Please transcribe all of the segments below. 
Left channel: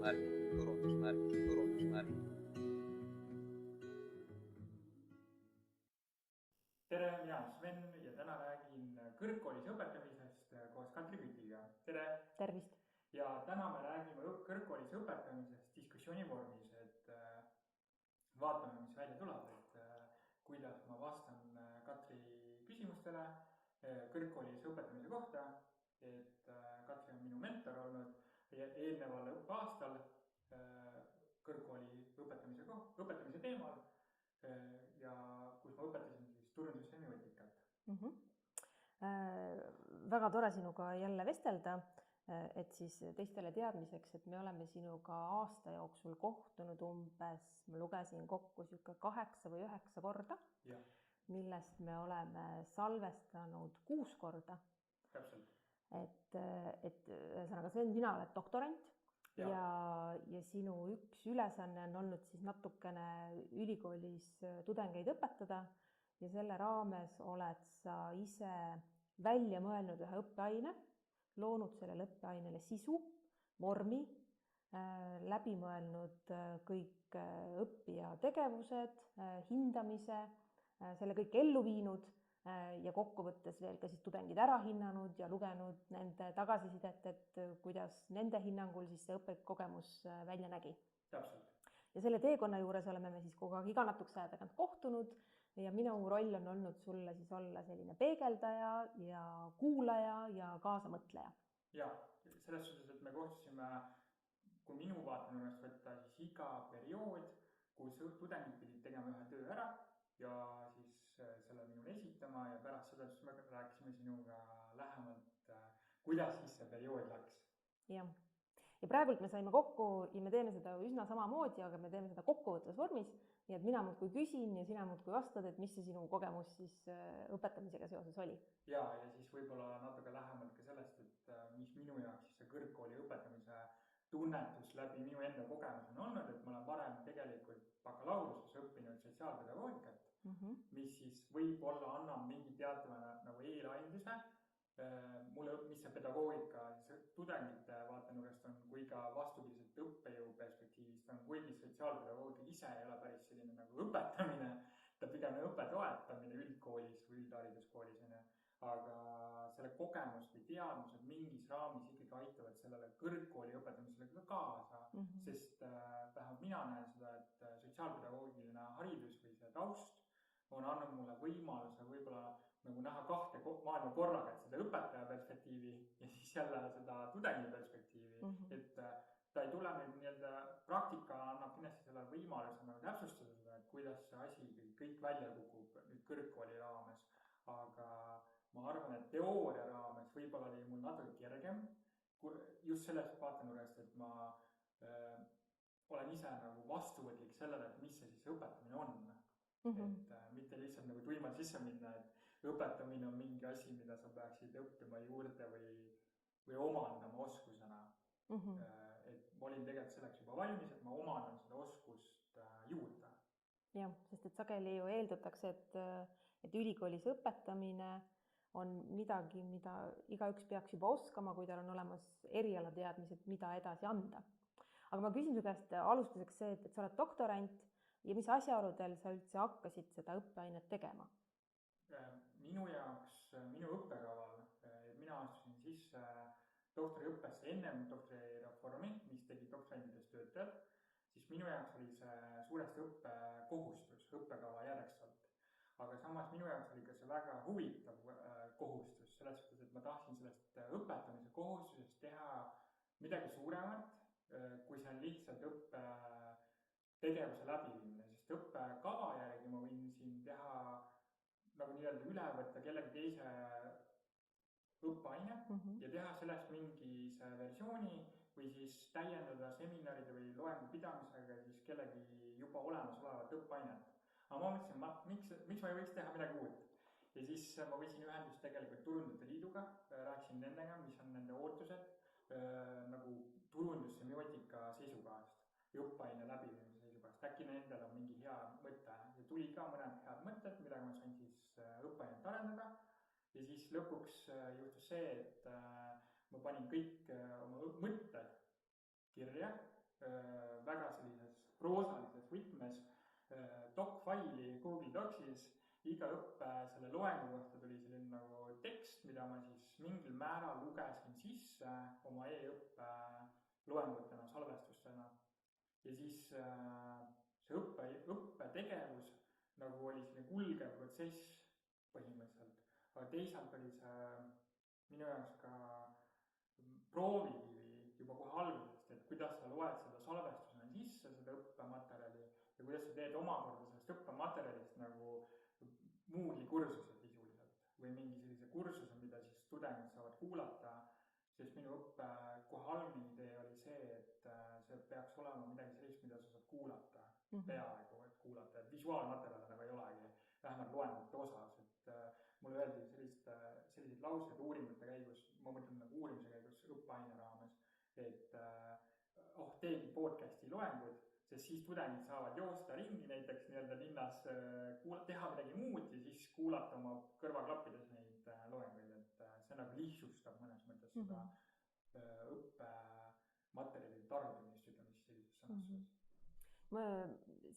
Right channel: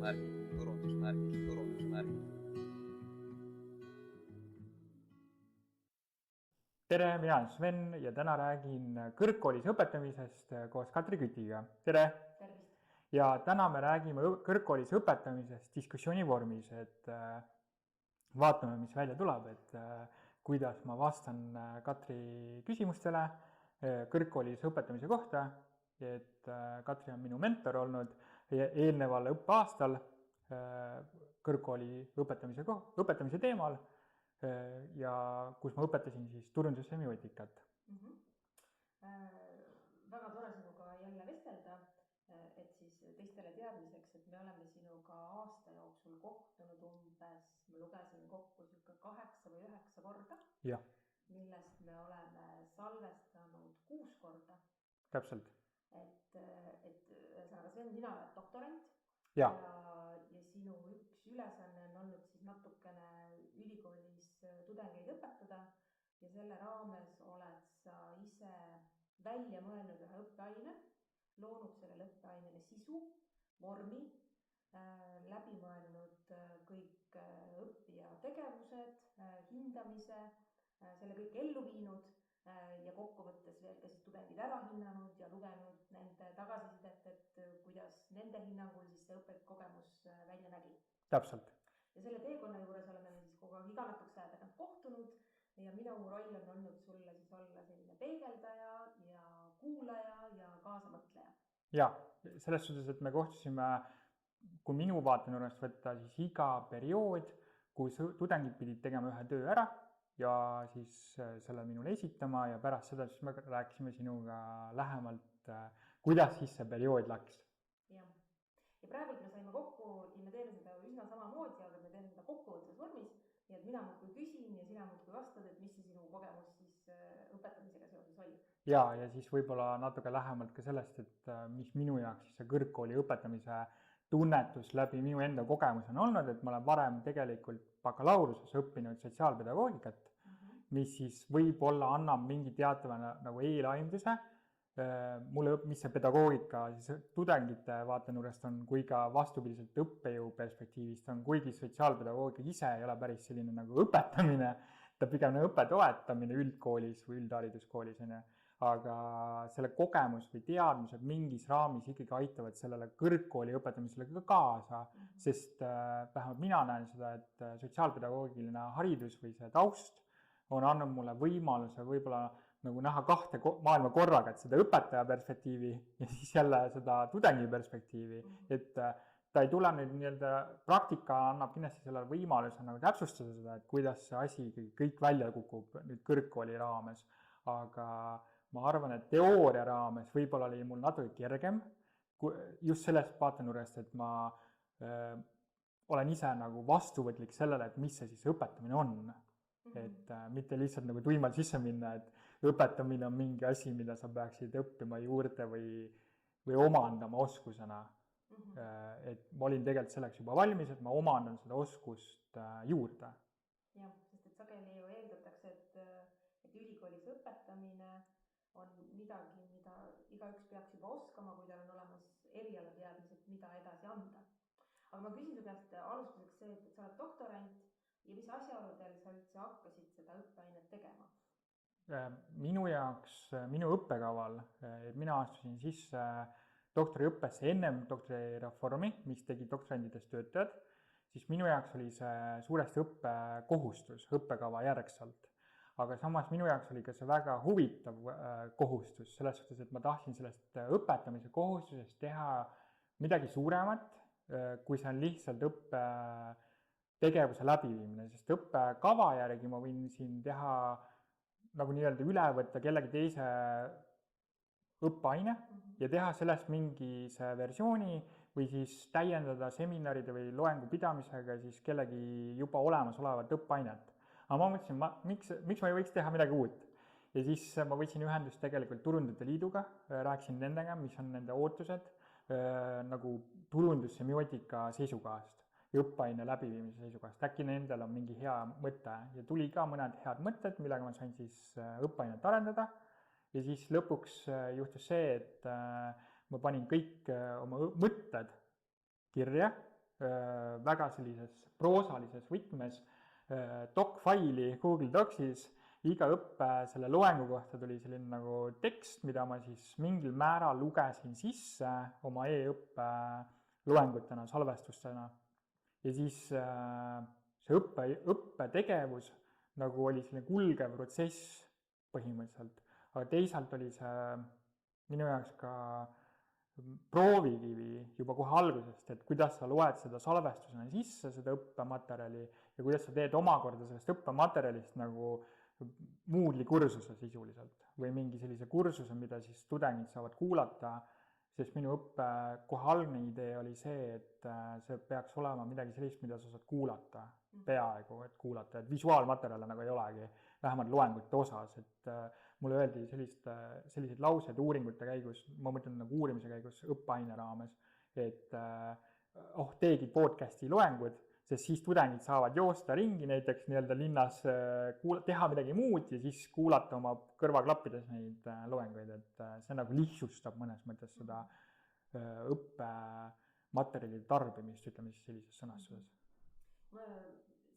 turundusmärgid. Tere, mina olen Sven ja täna räägin kõrgkoolis õpetamisest koos Katri Kütiga. Tere! Tervist! Ja täna me räägime kõrgkoolis õpetamisest diskussiooni vormis, et vaatame, mis välja tuleb, et kuidas ma vastan Katri küsimustele kõrgkoolis õpetamise kohta, et Katri on minu mentor olnud eelneval õppeaastal kõrgkooli õpetamise teemal ja kus ma õpetasin siis turundussemiotikat. Väga tore sinuga jälle vestelda, et siis teistele teadmiseks, et me oleme sinuga aasta jooksul kohtunud umbes, ma lugesin kokku 8 või 9 korda, ja. Millest me oleme salvestanud 6 korda. Täpselt. Et ühesõnaga, Sven, sina oled doktorant. Ja sinu üks ülesanne on olnud siis natukene ülikoolis tudengeid õpetada ja selle raames oled sa ise välja mõelnud ühe õppeaine, loonud sellele õppeainele sisu, vormi, läbi mõelnud kõik õppija tegevused, hindamise, selle kõik ellu viinud ja kokkuvõttes veel ka siis tudengid ära hinnanud ja lugenud nende tagasisidet, et kuidas nende hinnangul siis see õppekogemus välja nägi. Täpselt. Ja selle teekonna juures oleme me siis kogu aeg iga natukese aja tagant kohtunud ja minu roll on olnud sulle siis olla selline peegeldaja ja kuulaja ja kaasamõtleja. Ja, selles suhtes, et me kohtusime, kui minu vaatenurgast võtta, siis iga periood, kus tudengid pidid tegema ühe töö ära ja siis selle minule esitama ja pärast seda siis me rääkisime sinuga lähemalt, kuidas siis see periood läks. Ja praegult me saime kokku ja me teeme seda üsna samamoodi, aga me teeme seda kokkuvõttes vormis, nii et mina muudkui küsin ja sina muudkui vastad, et mis see sinu kogemus siis õpetamisega seoses oli. Ja siis võib-olla natuke lähemalt ka sellest, et mis minu jaoks siis see kõrgkooli õpetamise tunnetus läbi minu enda kogemus on olnud, et ma olen varem tegelikult bakalaureuse õppinud sotsiaalpedagoogikat, mis siis võib-olla annab mingi teatava nagu eelaimduse mulle, mis see pedagoogika siis tudengite vaatenurgast on, kui ka vastupidiselt õppejõu perspektiivist on, kuigi sotsiaalpedagoogika ise ei ole päris selline nagu õpetamine, ta pigem nagu õppe toetamine üldkoolis või üldhariduskoolis, aga selle kogemus või teadmised mingis raamis ikkagi aitavad sellele kõrgkooli õpetamisele ka kaasa, sest vähemalt mina näen seda, et sotsiaalpedagoogiline haridus või see taust on andnud mulle võimaluse võib-olla nagu näha 2 maailma korraga, et seda õpetaja perspektiivi ja siis jälle seda tudengi perspektiivi, et ta ei tule nüüd nii-öelda, praktika annab kindlasti selle võimaluse nagu täpsustada seda, et kuidas see asi kõik välja kukub nüüd kõrgkooli raames, aga ma arvan, et teooria raames võib-olla oli mul natuke kergem, just sellest vaatenurgast, et ma olen ise nagu vastuvõtlik sellele, et mis see siis õpetamine on. Et mitte lihtsalt nagu tuimalt sisse minna, et õpetamine on mingi asi, mida sa peaksid õppima juurde või omandama oskusena. Et ma olin tegelikult selleks juba valmis, et ma omandan seda oskust juurde. Jah, sest et sageli ju eeldatakse, et ülikoolis õpetamine on midagi, mida igaüks peaks juba oskama, kui tal on olemas erialateadmised, mida edasi anda. Aga ma küsin su käest alustuseks see, et sa oled doktorant ja mis asjaoludel sa üldse hakkasid seda õppeainet tegema? Minu jaoks, minu õppekaval, mina astusin sisse doktoriõppesse ennem doktorireformi, mis tegi doktorandidest töötajad, siis minu jaoks oli see suuresti õppekohustus õppekava järgselt. Aga samas minu jaoks oli ka see väga huvitav kohustus, selles suhtes, et ma tahtsin sellest õpetamise kohustusest teha midagi suuremat, kui see on lihtsalt õppetegevuse läbiviimine, sest õppekava järgi ma võin siin teha nagu nii-öelda üle võtta kellegi teise õppeaine ja teha sellest mingi see versiooni või siis täiendada seminaride või loengu pidamisega siis kellegi juba olemasolevat õppeainet. Aga ma mõtlesin, miks ma ei võiks teha midagi uut. Ja siis ma võtsin ühendust tegelikult Turundajate Liiduga, rääkisin nendega, mis on nende ootused nagu turundussemiotika seisukohast ja õppeaine läbiviimise seisukohast. Äkki nendel on mingi hea mõte ja tuli ka mõned head mõtted, millega ma sain siis õppeainet arendada. Ja siis lõpuks juhtus see, et ma panin kõik oma mõtted kirja väga sellises proosalises võtmes doc-faili Google Docsis, iga õppe selle loengu kohta tuli selline nagu tekst, mida ma siis mingil määral lugesin sisse oma e-õppe loengutena, salvestustena. Ja siis see õppetegevus nagu oli selline kulgev protsess põhimõtteliselt, aga teisalt oli see minu jaoks ka proovikivi juba kohe algusest, et kuidas sa loed seda salvestusena sisse, seda õppematerjali ja kuidas sa teed omakorda sellest õppematerjalist nagu Moodle'i kursuse sisuliselt või mingi sellise kursuse, mida siis tudengid saavad kuulata, sest minu õppe kohe algne idee oli see, et see peaks olema midagi sellist, mida sa saad kuulata, peaaegu, et kuulata, et visuaalmaterjale nagu ei olegi, vähemalt loengute osas, et mulle öeldi selliseid lauseid uuringute käigus, ma mõtlen nagu uurimise käigus õppeaine raames, et teegi podcasti loengud, sest siis tudengid saavad joosta ringi näiteks nii-öelda linnas, teha midagi muud ja siis kuulata oma kõrvaklappides neid loenguid, et see nagu lihtsustab mõnes mõttes seda õppematerjalide tarbimist, ütleme siis sellises sõnastuses.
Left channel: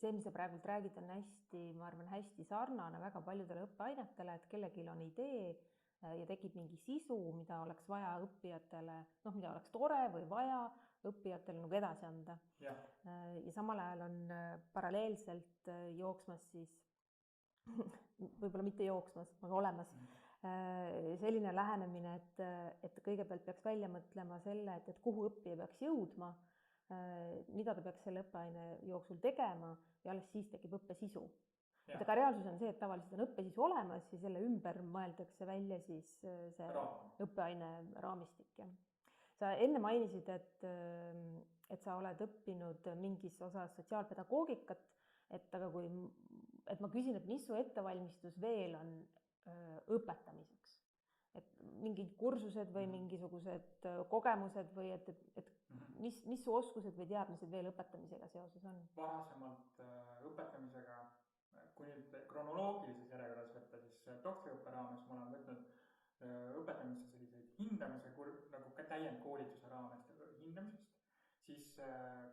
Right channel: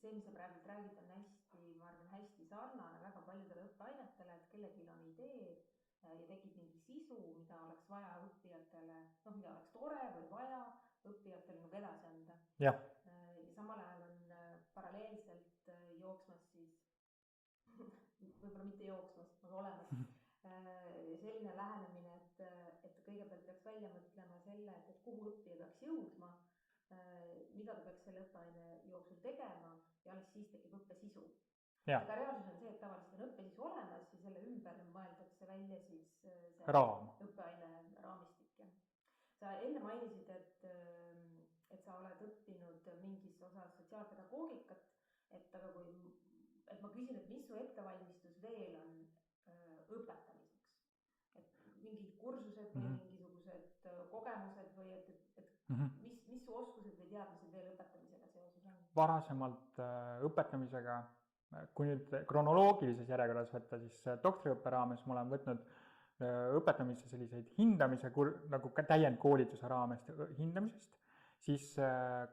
See, mis sa praegult räägid, on hästi, ma arvan, hästi sarnane väga paljudele õppeainetele, et kellelgi on idee ja tekib mingi sisu, mida oleks vaja õppijatele, mida oleks tore või vaja õppijatele nagu edasi anda. Ja samal ajal on paralleelselt jooksmas siis, võib-olla mitte jooksmas, aga olemas selline lähenemine, et kõigepealt peaks välja mõtlema selle, et kuhu õppija peaks jõudma, mida ta peaks selle õppeaine jooksul tegema ja alles siis tekib õppesisu. Aga reaalsus on see, et tavaliselt on õppesisu olemas ja selle ümber mõeldakse välja siis see õppeaine raamistik. Sa enne mainisid, et sa oled õppinud mingis osas sotsiaalpedagoogikat, et ma küsin, et mis su ettevalmistus veel on õpetamiseks? Et mingid kursused või mingisugused kogemused või mis su oskused või teadmised veel õpetamisega seoses on? Varasemalt õpetamisega, kui nüüd kronoloogilises järjekorras võtta, siis doktoriõppe raames ma olen võtnud õpetamisse selliseid hindamise, nagu täiendkoolituse raames hindamisest, siis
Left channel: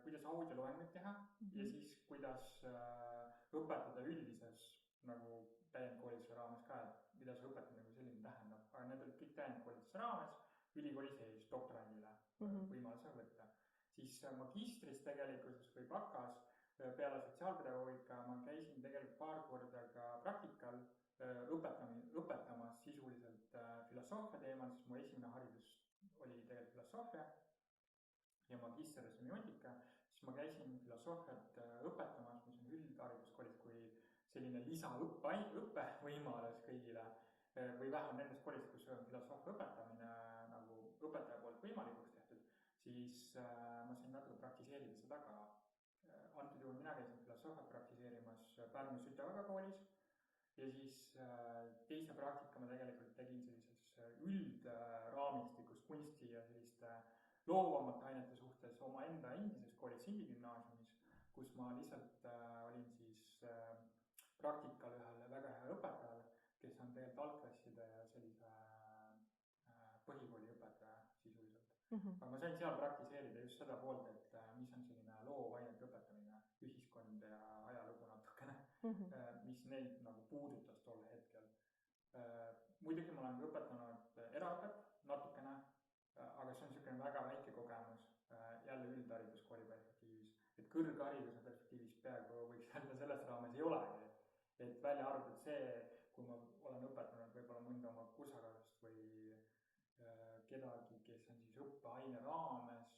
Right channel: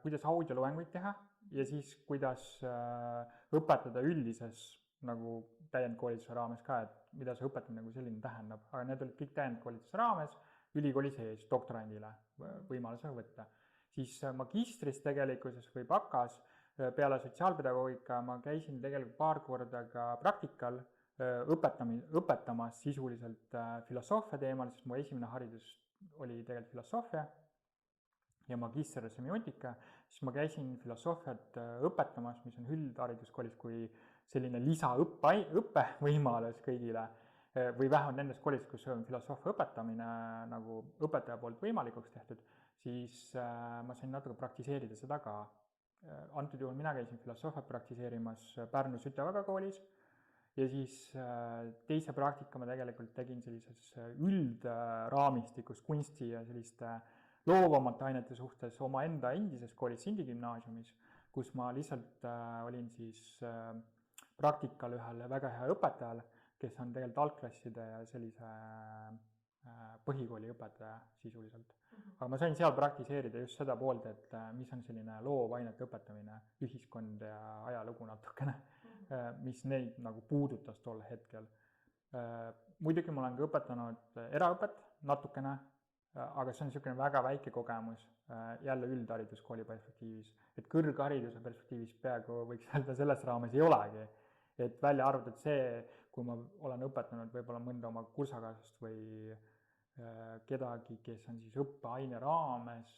kuidas audioloenguid teha ja siis kuidas õpetada üldises nagu täiendkoolituse raames ka, et mida see õpetamine nagu selline tähendab, aga need olid kõik täiendkoolituse raames ülikooli sees doktorandile võimalusega võtta. Siis magistris tegelikkuses või bakas peale sotsiaalpedagoogika ma käisin tegelikult paar korda ka praktikal õpetamas sisuliselt filosoofia teemal, sest mu esimene haridus oli tegelikult filosoofia ja magister semiotika, siis ma käisin filosoofiat õpetamas, mis on üldhariduskoolis kui selline lisaõppe võimalus kõigile või vähemalt nendes koolis, kus on filosoofia õpetamine nagu õpetaja poolt võimalikuks tehtud, siis ma sain natuke praktiseerida seda ka. Antud juhul mina käisin filosoofiat praktiseerimas Pärnu Sütevaka koolis ja siis teise praktika ma tegelikult tegin sellises üldraamistikus kunsti ja selliste loovamate ainete suhtes oma enda endises koolis Sindi gümnaasiumis, kus ma lihtsalt olin siis praktikal ühel väga hea õpetajal, kes on tegelikult algklasside ja sellise põhikooli õpetaja sisuliselt. Aga ma sain seal praktiseerida just seda poolt, et mis on selline loovainete õpetamine, ühiskond ja ajalugu natukene, mis neid nagu puudutas tol hetkel. Muidugi ma olen ka õpetanud eraõpet natukene, aga see on niisugune väga väike kogemus jälle üldhariduskooli perspektiivis, et kõrghariduse perspektiivis peaaegu võiks öelda selles raames ei olegi, et välja arvatud see, kui ma olen õpetanud võib-olla mõnda oma kursakaaslast või kedagi, kes on siis õppeaine raames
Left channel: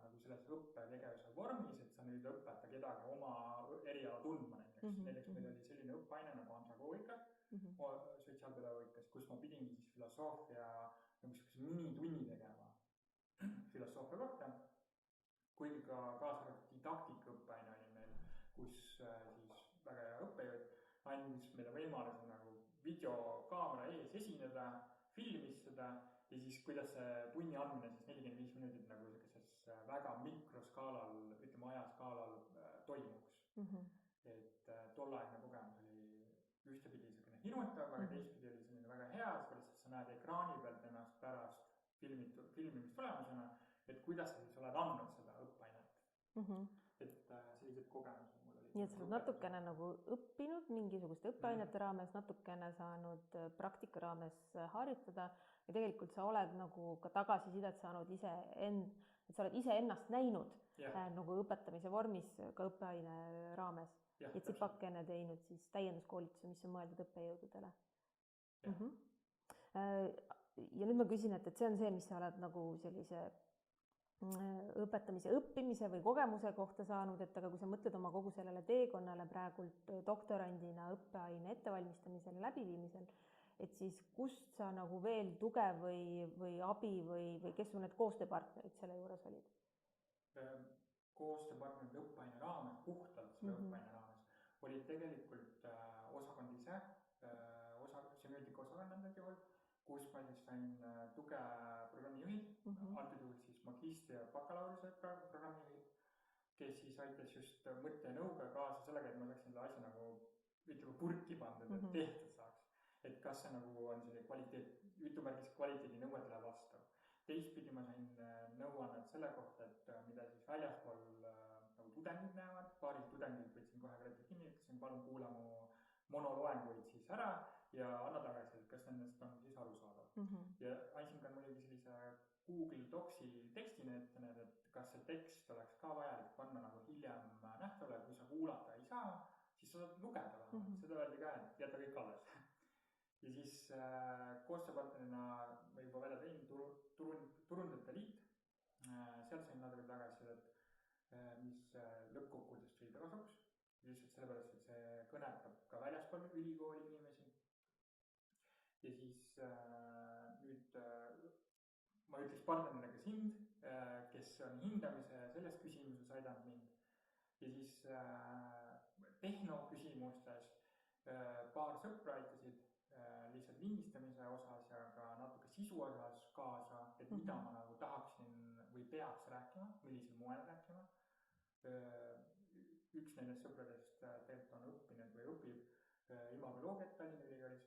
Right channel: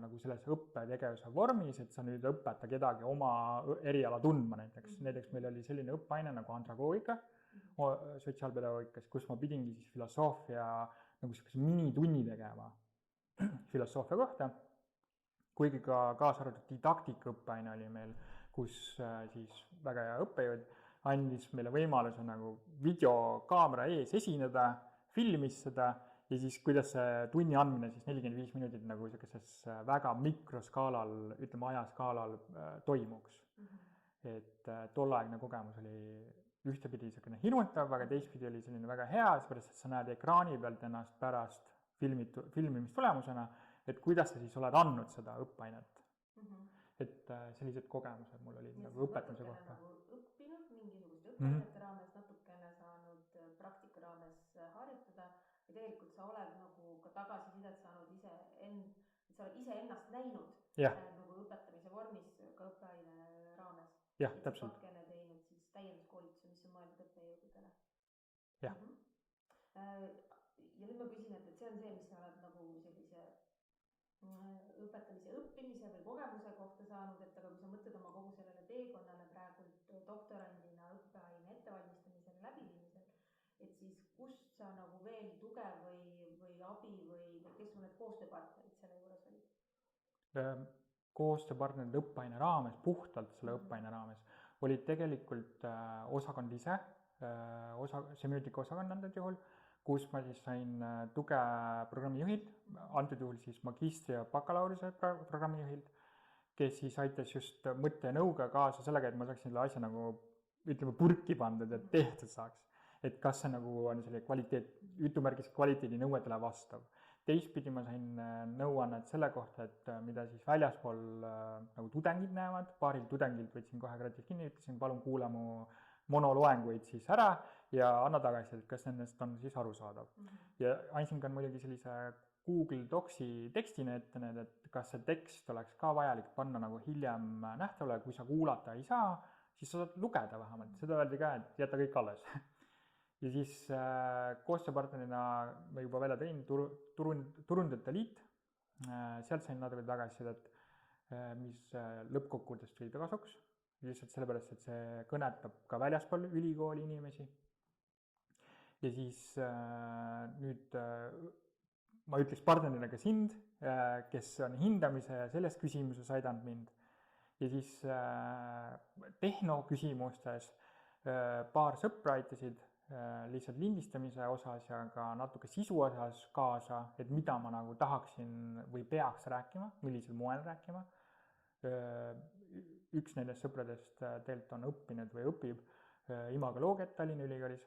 nagu selles õppetegevuse vormis, et sa nüüd õpeta kedagi oma eriala tundma näiteks. Näiteks meil oli selline õppeaine nagu andragoogika sotsiaalpedagoogikas, kus ma pidingi siis filosoofia nagu sellise minitunni tegema filosoofia kohta, kuigi ka kaasa arvatud didaktika õppeaine oli meil, kus siis väga hea õppejõud andis meile võimaluse nagu videokaamera ees esineda, filmis seda ja siis kuidas see tunni andmine siis 45 minutit nagu sellises väga mikroskaalal, ütleme ajaskaalal toimuks. Et tolleaegne kogemus oli ühtepidi selline hirmutav, aga teistpidi oli selline väga hea, seepärast, et sa näed ekraani pealt ennast pärast filmimistulemusena, et kuidas sa siis oled andnud seda õppeainet. et sellised kogemused mul olid nii et sa nagu oled õpetamise natukene kohta. nagu õppinud mingisuguste õppeainete raames, natukene saanud praktika raames harjutada ja tegelikult sa oled nagu ka tagasisidet saanud et sa oled iseennast näinud nagu õpetamise vormis ka õppeaine raames. Jah, et sa täpselt. pakene teinud siis täienduskoolituse, mis on mõeldud õppejõududele. Jah. Ja nüüd ma küsin, et see on see, mis sa oled nagu sellise õpetamise õppimise või kogemuse kohta saanud, et aga kui sa mõtled oma kogu sellele teekonnale praegult doktorandina õppeaine ettevalmistamisel ja läbiviimisel, et siis kust sa nagu veel tuge või abi või kes sul need koostööpartnerid selle juures olid? Koostööpartnerid õppeaine raames, puhtalt selle õppeaine raames, olid tegelikult osakond ise, semiootika osakond antud juhul, kus ma siis sain tuge programmijuhilt, antud juhul siis magistri- ja bakalaureuse programmijuhilt, kes siis aitas just mõtte ja nõuga kaasa sellega, et ma saaksin selle asja nagu, ütleme, purki pandud, et tehtud saaks. Et kas see nagu on selline kvaliteedi nõuetele vastav. Teistpidi ma sain nõuannet selle kohta, et mida siis väljaspool nagu tudengid näevad, paaril tudengilt võtsin kohe kratis kinni, ütlesin, palun kuula mu monoloenguid siis ära ja anna tagasi, et kas nendest on siis arusaadav. Ja andsin ka muidugi sellise Google Docsi tekstina ette need, et kas see tekst oleks ka vajalik panna nagu hiljem nähtavale, kui sa kuulata ei saa, siis sa saad lugeda vähemalt, seda öeldi ka, et jäta kõik alles. Ja siis koostööpartnerina ma juba välja tõin Turundajate Liit, sealt sain natuke tagasisidet, mis lõppkokkuvõttes tuli kasuks, lihtsalt sellepärast, et see kõnetab ka väljaspool ülikooli inimesi. Ja siis nüüd ma ütleks partnerina ka sind, kes on hindamise ja selles küsimuses aidanud mind. Ja siis tehnoküsimustes paar sõpra aitasid lihtsalt lindistamise osas ja ka natuke sisu osas kaasa, et mida ma nagu tahaksin või peaks rääkima, millisel moel rääkima. Üks nendest sõpradest tegelikult on õppinud või õpib imagoloogiat Tallinna Ülikoolis,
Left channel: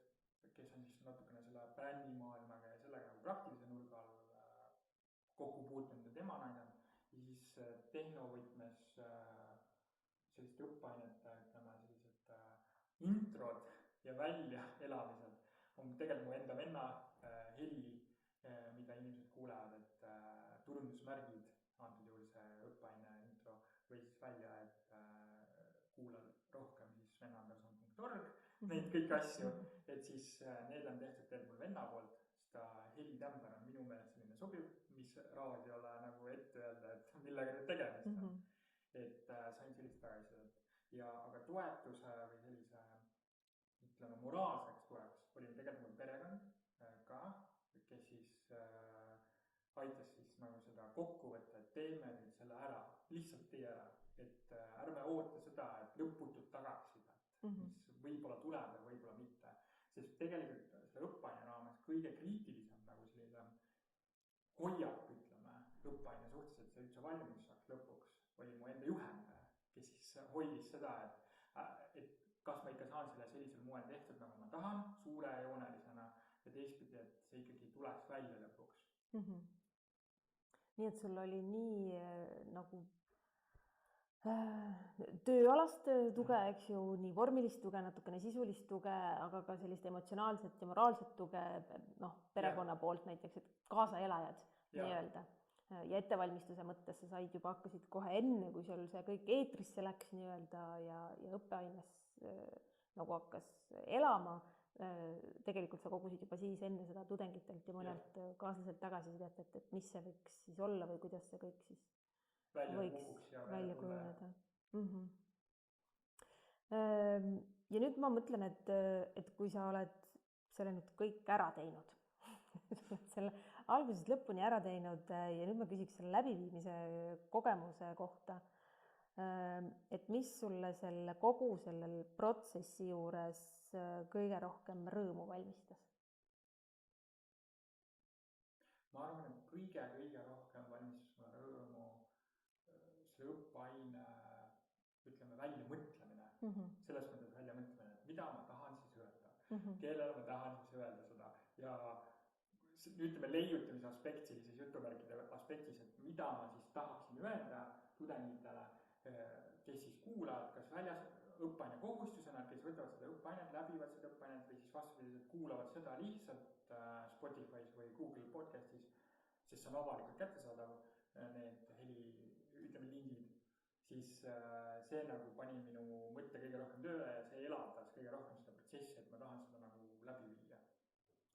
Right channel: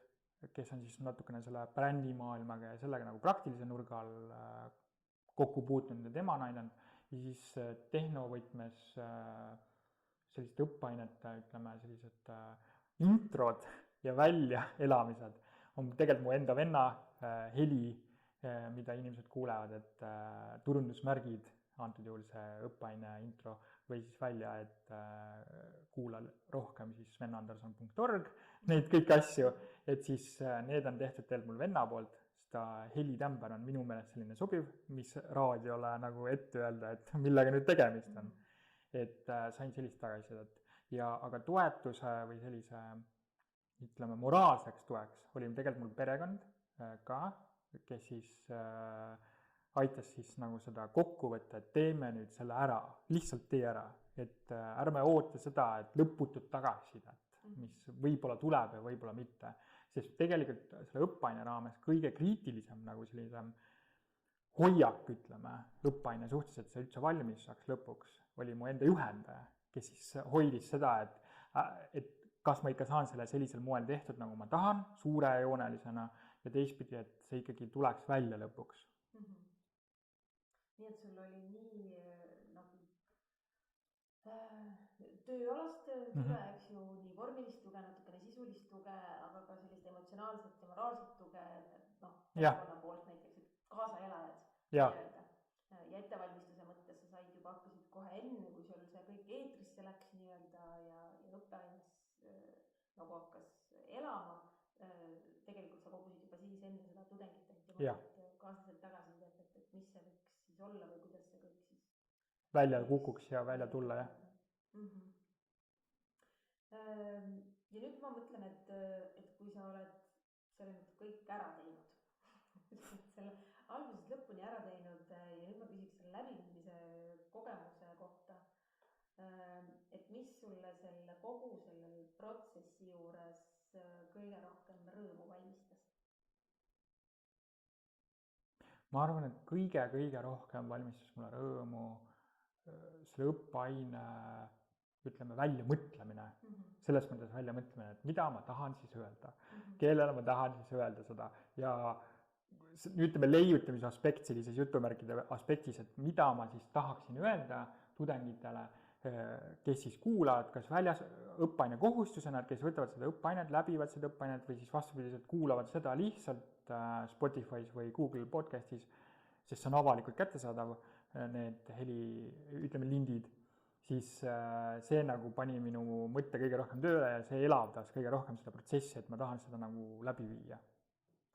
kes on siis natukene selle brändimaailmaga ja sellega nagu praktilise nurga all kokku puutunud ja tema näidanud. Ja siis tehnovõtmes sellised õppeainete, ütleme sellised introd ja väljaelamised on tegelikult mu enda venna heli, mida inimesed kuulevad, et turundusmärgid, antud juhul see õppeaine intro või siis välja, et kuula rohkem siis vennanderson.org, neid kõiki asju, et siis need on tehtud tegelikult mul venna poolt, seda helitämber on minu meelest selline sobiv, mis raadiole nagu ette öelda, et millega nüüd tegemist on. Et sain sellist tagasisidet. Ja aga toetuse või sellise, ütleme, moraalseks toeks oli tegelikult mul perekond ka, kes siis aitas siis nagu seda kokku võtta, et teeme nüüd selle ära, lihtsalt tee ära, et ärme oota seda, et lõputut tagasisidet, mis võib-olla tuleb ja võib-olla mitte, sest tegelikult selle õppeaine raames kõige kriitilisem nagu sellise hoiak, ütleme, õppeaine suhtes, et see üldse valmis saaks lõpuks, oli mu enda juhendaja, kes siis hoidis seda, et kas ma ikka saan selle sellisel moel tehtud, nagu ma tahan, suurejoonelisena ja teistpidi, et see ikkagi tuleks välja lõpuks. Nii et sul oli nii nagu tööalast tuge, eks ju, nii vormilist tuge, natukene sisulist tuge, aga ka sellist emotsionaalset ja moraalset tuge, perekonna poolt näiteks, et kaasaelajad nii-öelda. Ja ettevalmistuse mõttes sa said juba hakkasid kohe enne, kui seal see kõik eetrisse läks nii-öelda ja õppeaines nagu hakkas elama. Tegelikult sa kogusid juba siis enne seda tudengitelt ja mõnelt kaaslaselt tagasisidet, et mis see võiks siis olla või kuidas see kõik siis välja kukuks ja välja tulla. Ja nüüd ma mõtlen, et kui sa oled selle nüüd kõik ära teinud, selle algusest lõpuni ära teinud ja nüüd ma küsiks selle läbiviimise kogemuse kohta, et mis sulle kogu sellel protsessi juures kõige rohkem rõõmu valmistas? Ma arvan, et kõige rohkem valmistas mulle rõõmu selle õppeaine, ütleme, väljamõtlemine. Selles mõttes väljamõtlemine, et mida ma tahan siis öelda, kellele ma tahan siis öelda seda ja ütleme leiutamise aspekt sellises jutumärkide aspektis, et mida ma siis tahaksin öelda tudengitele, kes siis kuulavad kas väljas õppeaine kohustusena, kes võtavad seda õppeainet, läbivad seda õppeainet või siis vastupidiselt kuulavad seda lihtsalt Spotify's või Google podcastis, sest see on avalikult kättesaadav, need lindid, siis see nagu pani minu mõtte kõige rohkem tööle ja see elavdas kõige rohkem seda protsessi, et ma tahan seda nagu läbi viia.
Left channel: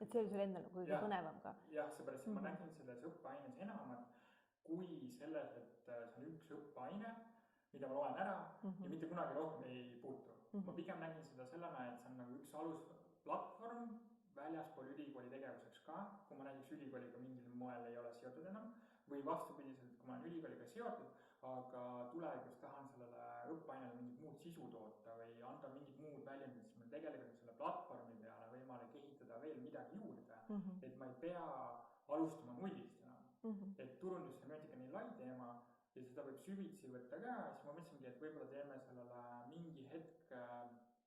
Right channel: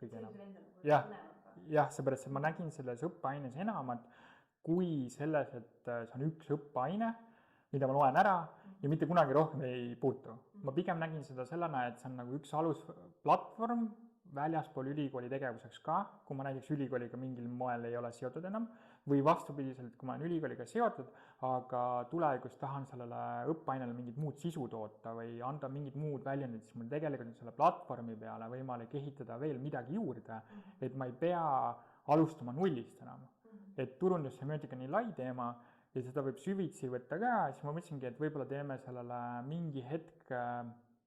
Et see oli sul endal nagu kõige põnevam ka? Jah, seepärast, et ma nägin selles õppeaines enamat kui selles, et see on üks õppeaine, mida ma loen ära ja mitte kunagi rohkem ei puutu. Ma pigem nägin seda sellena, et see on nagu üks alusplatvorm väljaspool ülikooli tegevuseks ka, kui ma näiteks ülikooliga mingil moel ei ole seotud enam, või vastupidiselt, kui ma olen ülikooliga seotud, aga tulevikus tahan sellele õppeainele mingit muud sisu toota või anda mingit muud väljundit, siis mul tegelikult selle platvormi peale võimalik ehitada veel midagi juurde, et ma ei pea alustama nullist enam. Et turundussemiotika on nii lai teema ja seda võib süvitsi võtta ka, siis ma mõtlesingi, et võib-olla teeme sellele mingi hetk,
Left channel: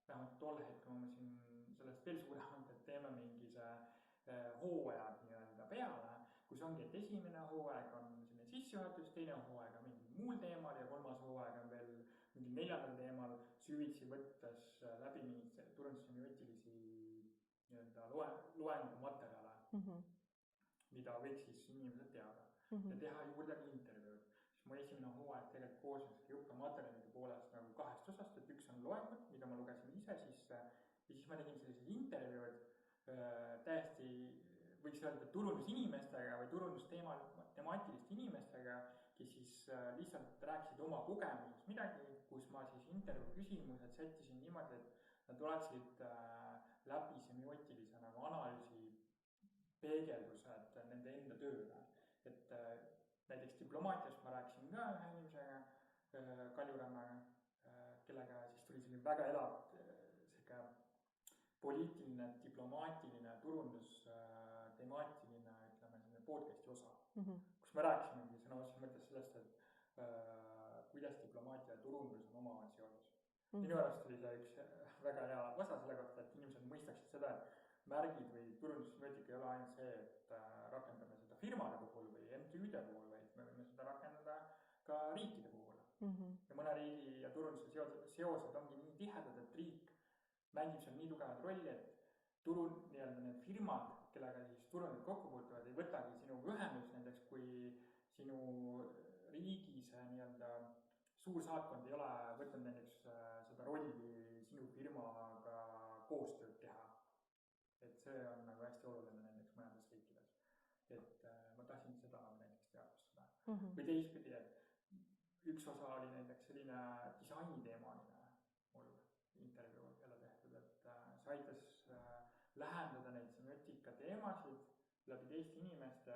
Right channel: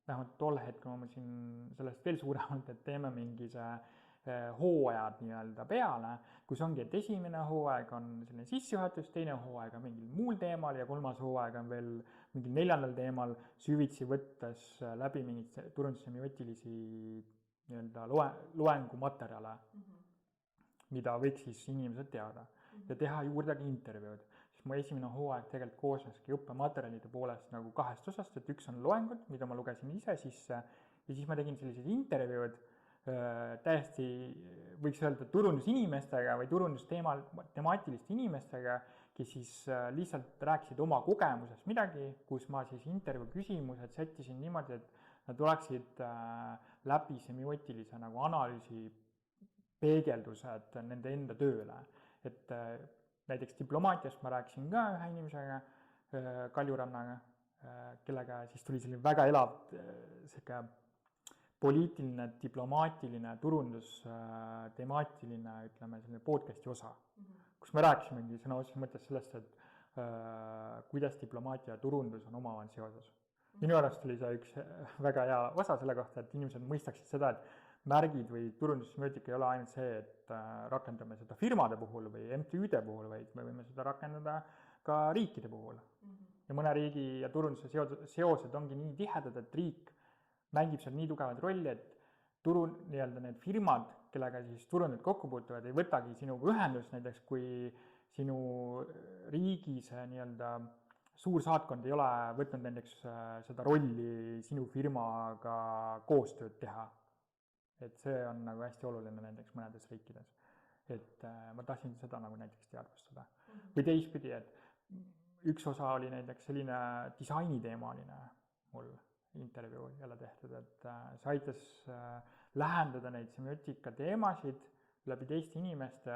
vähemalt tol hetkel ma mõtlesin sellest veel suuremalt, et teeme mingi see hooajad nii-öelda peale, kus ongi, et esimene hooaeg on selline sissejuhatus, teine hooaeg on mingil muul teemal ja kolmas hooaeg on veel mingil 4. teemal süvitsi võttes läbi mingit turundussemiootilisi nii-öelda loengumaterjale, mida võiks siis inimesed teada ja teha juurde ka intervjuud. Mu esimene hooaeg tegelikult koosneski õppematerjalide poolest nagu 2 osast, et üks on loengud, mida ma lugesin ise sisse ja siis ma tegin sellised intervjuud täiesti võiks öelda turundusinimestega või turundustemaatiliste inimestega, kes siis lihtsalt rääkisid oma kogemusest midagi, kus ma siis intervjuu küsimused sättisin niimoodi, et nad oleksid läbi semiootilise nagu analüüsi peegeldused nende enda tööle. Et näiteks diplomaatiast ma rääkisin ka ühe inimesega, Kaljurannaga, kellega siis tuli selline väga elav poliitiline, diplomaatiline, turundus, temaatiline, ütleme, selline podcasti osa, kus me rääkisimegi sõna otseses mõttes sellest, et kuidas diplomaatia ja turundus on omavahel seoses. Minu arust oli see üks väga hea osa selle kohta, et inimesed mõistaksid seda, et märgid või turundussemiotika ei ole ainult see, et rakendame seda firmade puhul või MTÜ-de puhul, vaid me võime seda rakendada ka riikide puhul. Ja mõne riigi ja turunduse seosed ongi nii tihedad, et riik mängib seal nii tugevat rolli, et nii-öelda need firmad, kellega siis turundid kokku puutuvad, ei võtagi sinuga ühendust, näiteks kui sinu riigi see nii-öelda suur saatkond ei ole võtnud näiteks seda rolli sinu firmaga koostööd teha. Et see on nagu hästi oluline näiteks mõnedes riikides. Et ma tahtsin seda nagu näiteks teadvustada. Või teistpidi, et üks osa oli näiteks selline disainiteemaline mul intervjuu jälle tehtud, et see aitas lähendada neid semiotika teemasid läbi teiste inimeste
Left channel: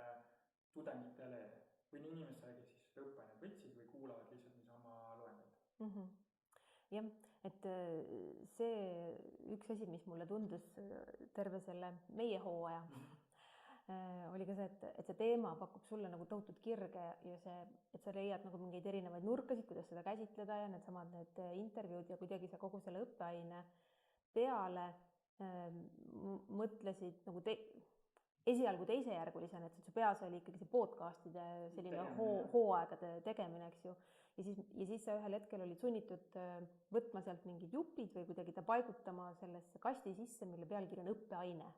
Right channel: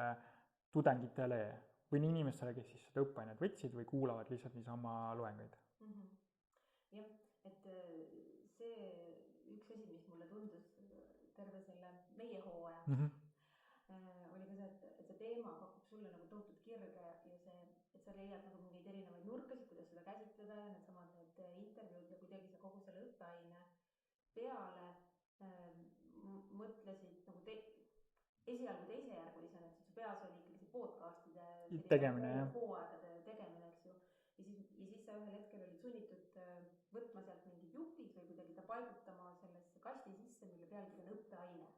tudengitele või nii inimestele, kes siis seda õppeainet võtsid või kuulavad lihtsalt niisama loenguid. Jah, et see üks asi, mis mulle tundus terve selle meie hooaja, oli ka see, et see teema pakub sulle nagu tohutut kirge ja see, et sa leiad nagu mingeid erinevaid nurkasid, kuidas seda käsitleda ja need intervjuud ja kuidagi sa kogu selle õppeaine peale mõtlesid nagu esialgu teisejärgulisena, et su peas oli ikkagi see podcastide hooaegade tegemine, eks ju. Ja siis sa ühel hetkel olid sunnitud võtma sealt mingid jupid või kuidagi ta paigutama sellesse kasti sisse, mille pealkiri on õppeaine.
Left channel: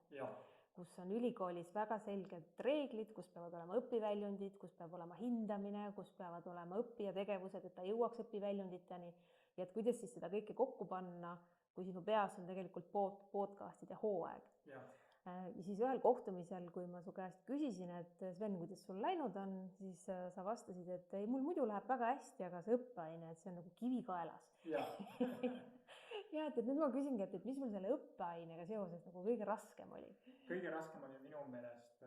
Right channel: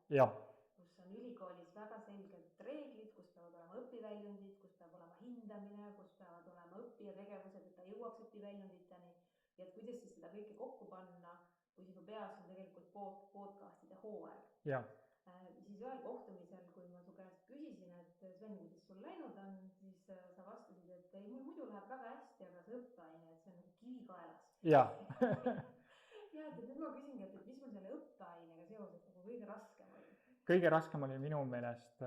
Kus on ülikoolis väga selged reeglid, kus peavad olema õpiväljundid, kus peab olema hindamine, kus peavad olema õppija tegevused, et ta jõuaks õpiväljunditeni. Ja et kuidas siis seda kõike kokku panna, kui sinu peas on tegelikult podcastide hooaeg. Ja siis ühel kohtumisel, kui ma su käest küsisin, et Sven, kuidas sul läinud on, siis sa vastasid, et ei, mul muidu läheb väga hästi, aga see õppeaine, et see on nagu kivi kaelas. Ja, et nüüd ma küsingi, et mis mul selle õppeainega seoses nagu kõige raskem oli? Kõige raskem oli minu meelest,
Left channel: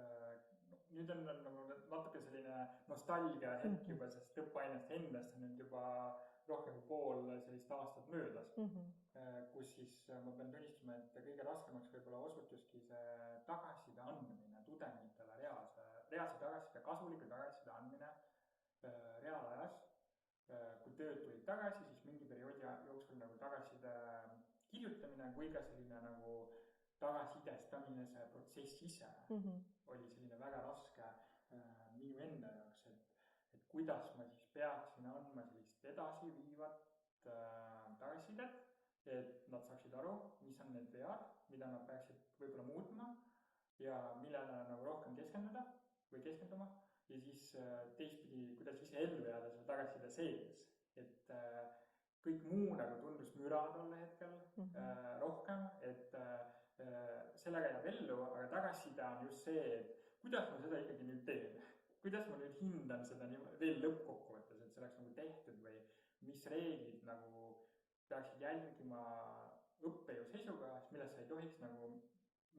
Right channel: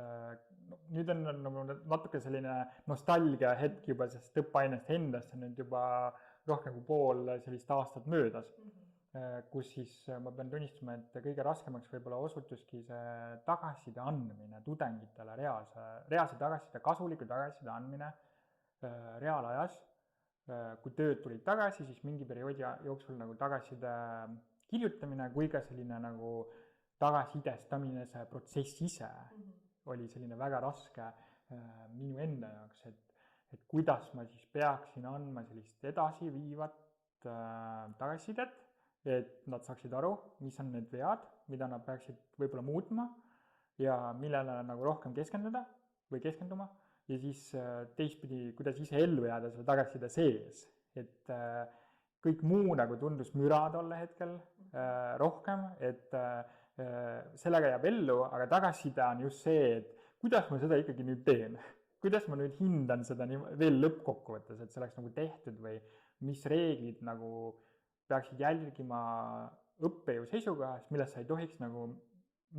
nüüd on nagu natuke selline nostalgia hetk juba, sest õppeainest endast on nüüd juba rohkem kui pool sellist aastat möödas. Kus siis ma pean tunnistama, et kõige raskemaks võib-olla osutuski see tagasiside andmine tudengitele, reaalse tagasiside, kasuliku tagasiside andmine reaalajas. Kui tööd tulid tagasi, siis mingi perioodi jooksul nagu tagasiside kirjutamine kui ka selline nagu tagasisidestamine, see protsess ise oli selline väga raske minu enda jaoks, et kuidas ma siis peaksin andma sellist edasiviivat tagasisidet, et nad saaksid aru, mis on need vead, mida nad peaksid võib-olla muutma ja millele nagu rohkem keskenduda või keskenduma ja siis teistpidi, kuidas ise ellu jääda selle tagasiside sees, et kõik muu nagu tundus müra tolle hetkel rohkem, et sellega jääb ellu, aga tagasiside on just see, et kuidas ma seda ikkagi nüüd teen, kuidas ma nüüd hindan seda veel lõppkokkuvõttes, et see oleks nagu tehtud või mis reeglid nagu peaksid jälgima õppejõu seisukohast, millest sa ei tohiks nagu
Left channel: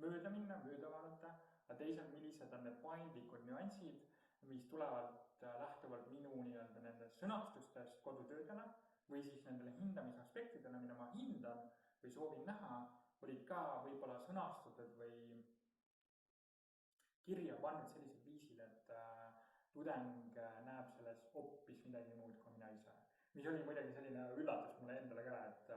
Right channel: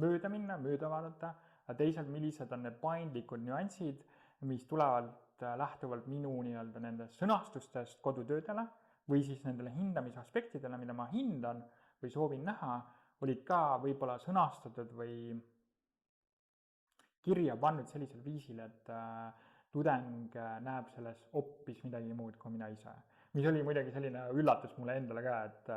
mööda minna, mööda vaadata, aga teisalt, millised on need paindlikud nüansid, mis tulevad lähtuvalt minu nii-öelda nendest sõnastustest kodutöödele või siis nendele hindamisaspektidele, mida ma hindan või soovin näha, olid ka võib-olla sõnastatud või kirja pannud sellisel viisil, et tudeng näeb selles hoopis midagi muud kui mina ise. Mis oli muidugi selline üllatus mulle endale ka, et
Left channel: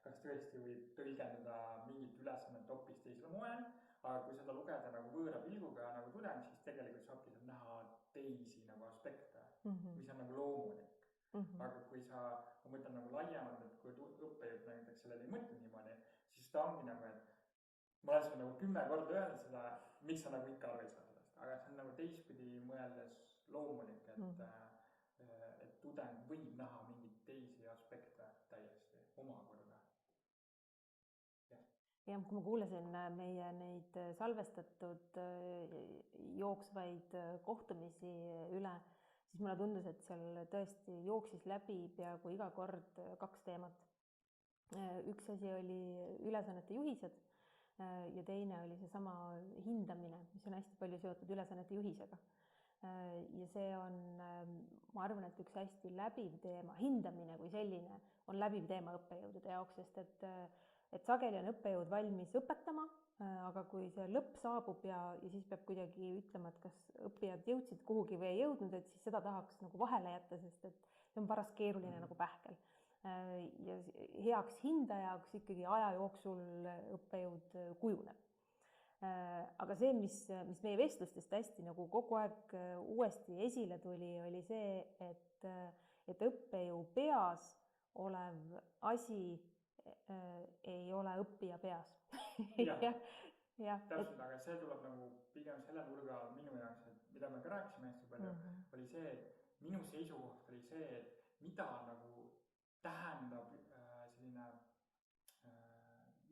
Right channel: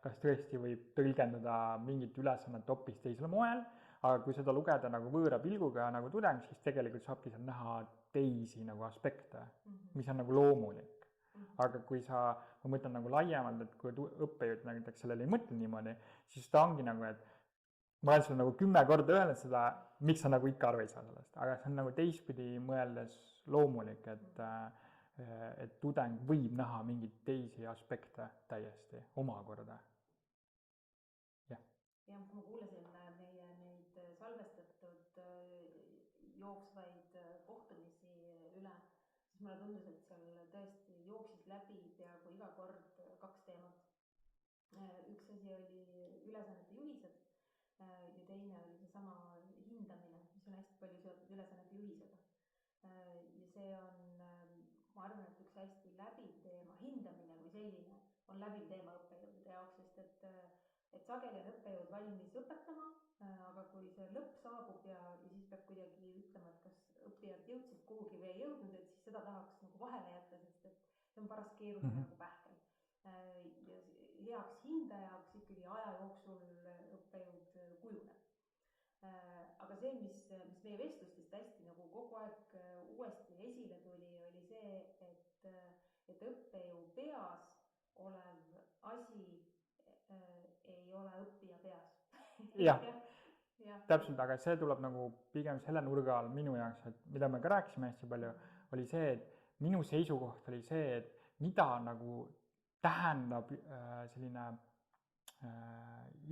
kas tõesti võib tõlgendada mingit ülesannet hoopis teisel moel, aga kui seda lugeda nagu võõra pilguga nagu tudeng, siis tegelikult saabki seal näha teisi nagu aspekte, mis on nagu loomulik. Aga kui ma mõtlen nagu laiemalt, et kui õppejõud näiteks sellele ei mõtle niimoodi, siis ta ongi nagu, et ma olen sulle nagu 10 korda öelnud seda, miks sa nagu ikka aru ei saa sellest, aga see on nagu teistpidi mõeldes loomulik, et tudeng võib näha mingeid teisi aspekte täiesti omakorda. Ja kui ma kuulasin meie neid salvestatud jooksvaid kohtumisi üle, siis mulle tundus, et seal tõesti jooksis läbi peaaegu iga kord 2 teemat. Üks asi oli ülesannete juhised ja teine oli seesama hindamine, mis on hästi palju seotud ülesannete juhisega. Ja see on, ma arvan, et üks hästi läbiv teema, hindamine kui selline on läbiv teema õppejõudude jaoks, sest et sageli on õppejõud valmis õpetama, aga kui see lõpp saabub ja siis peab kuidagi ütlema, et kas õppijad jõudsid kuhugi või ei jõudnud, et siis seda tahaks nagu vahele jätta, sest et see on paras keeruline nagu pähkel. Ja heaks hindajaks ikkagi aja jooksul õppejõud kujuneb. Aga see, mis meie vestlustest hästi nagu kogu aeg uuesti esile tuli, oli see, et õppejõu peas olev asi ei ole õppija peas. Täpselt, aga see tuleb nagu pigem selle nurga all minu jaoks, et mida me ka rääkisime hästi palju, oli see, et minu seisukoht oli see, et mida nagu tähendab selline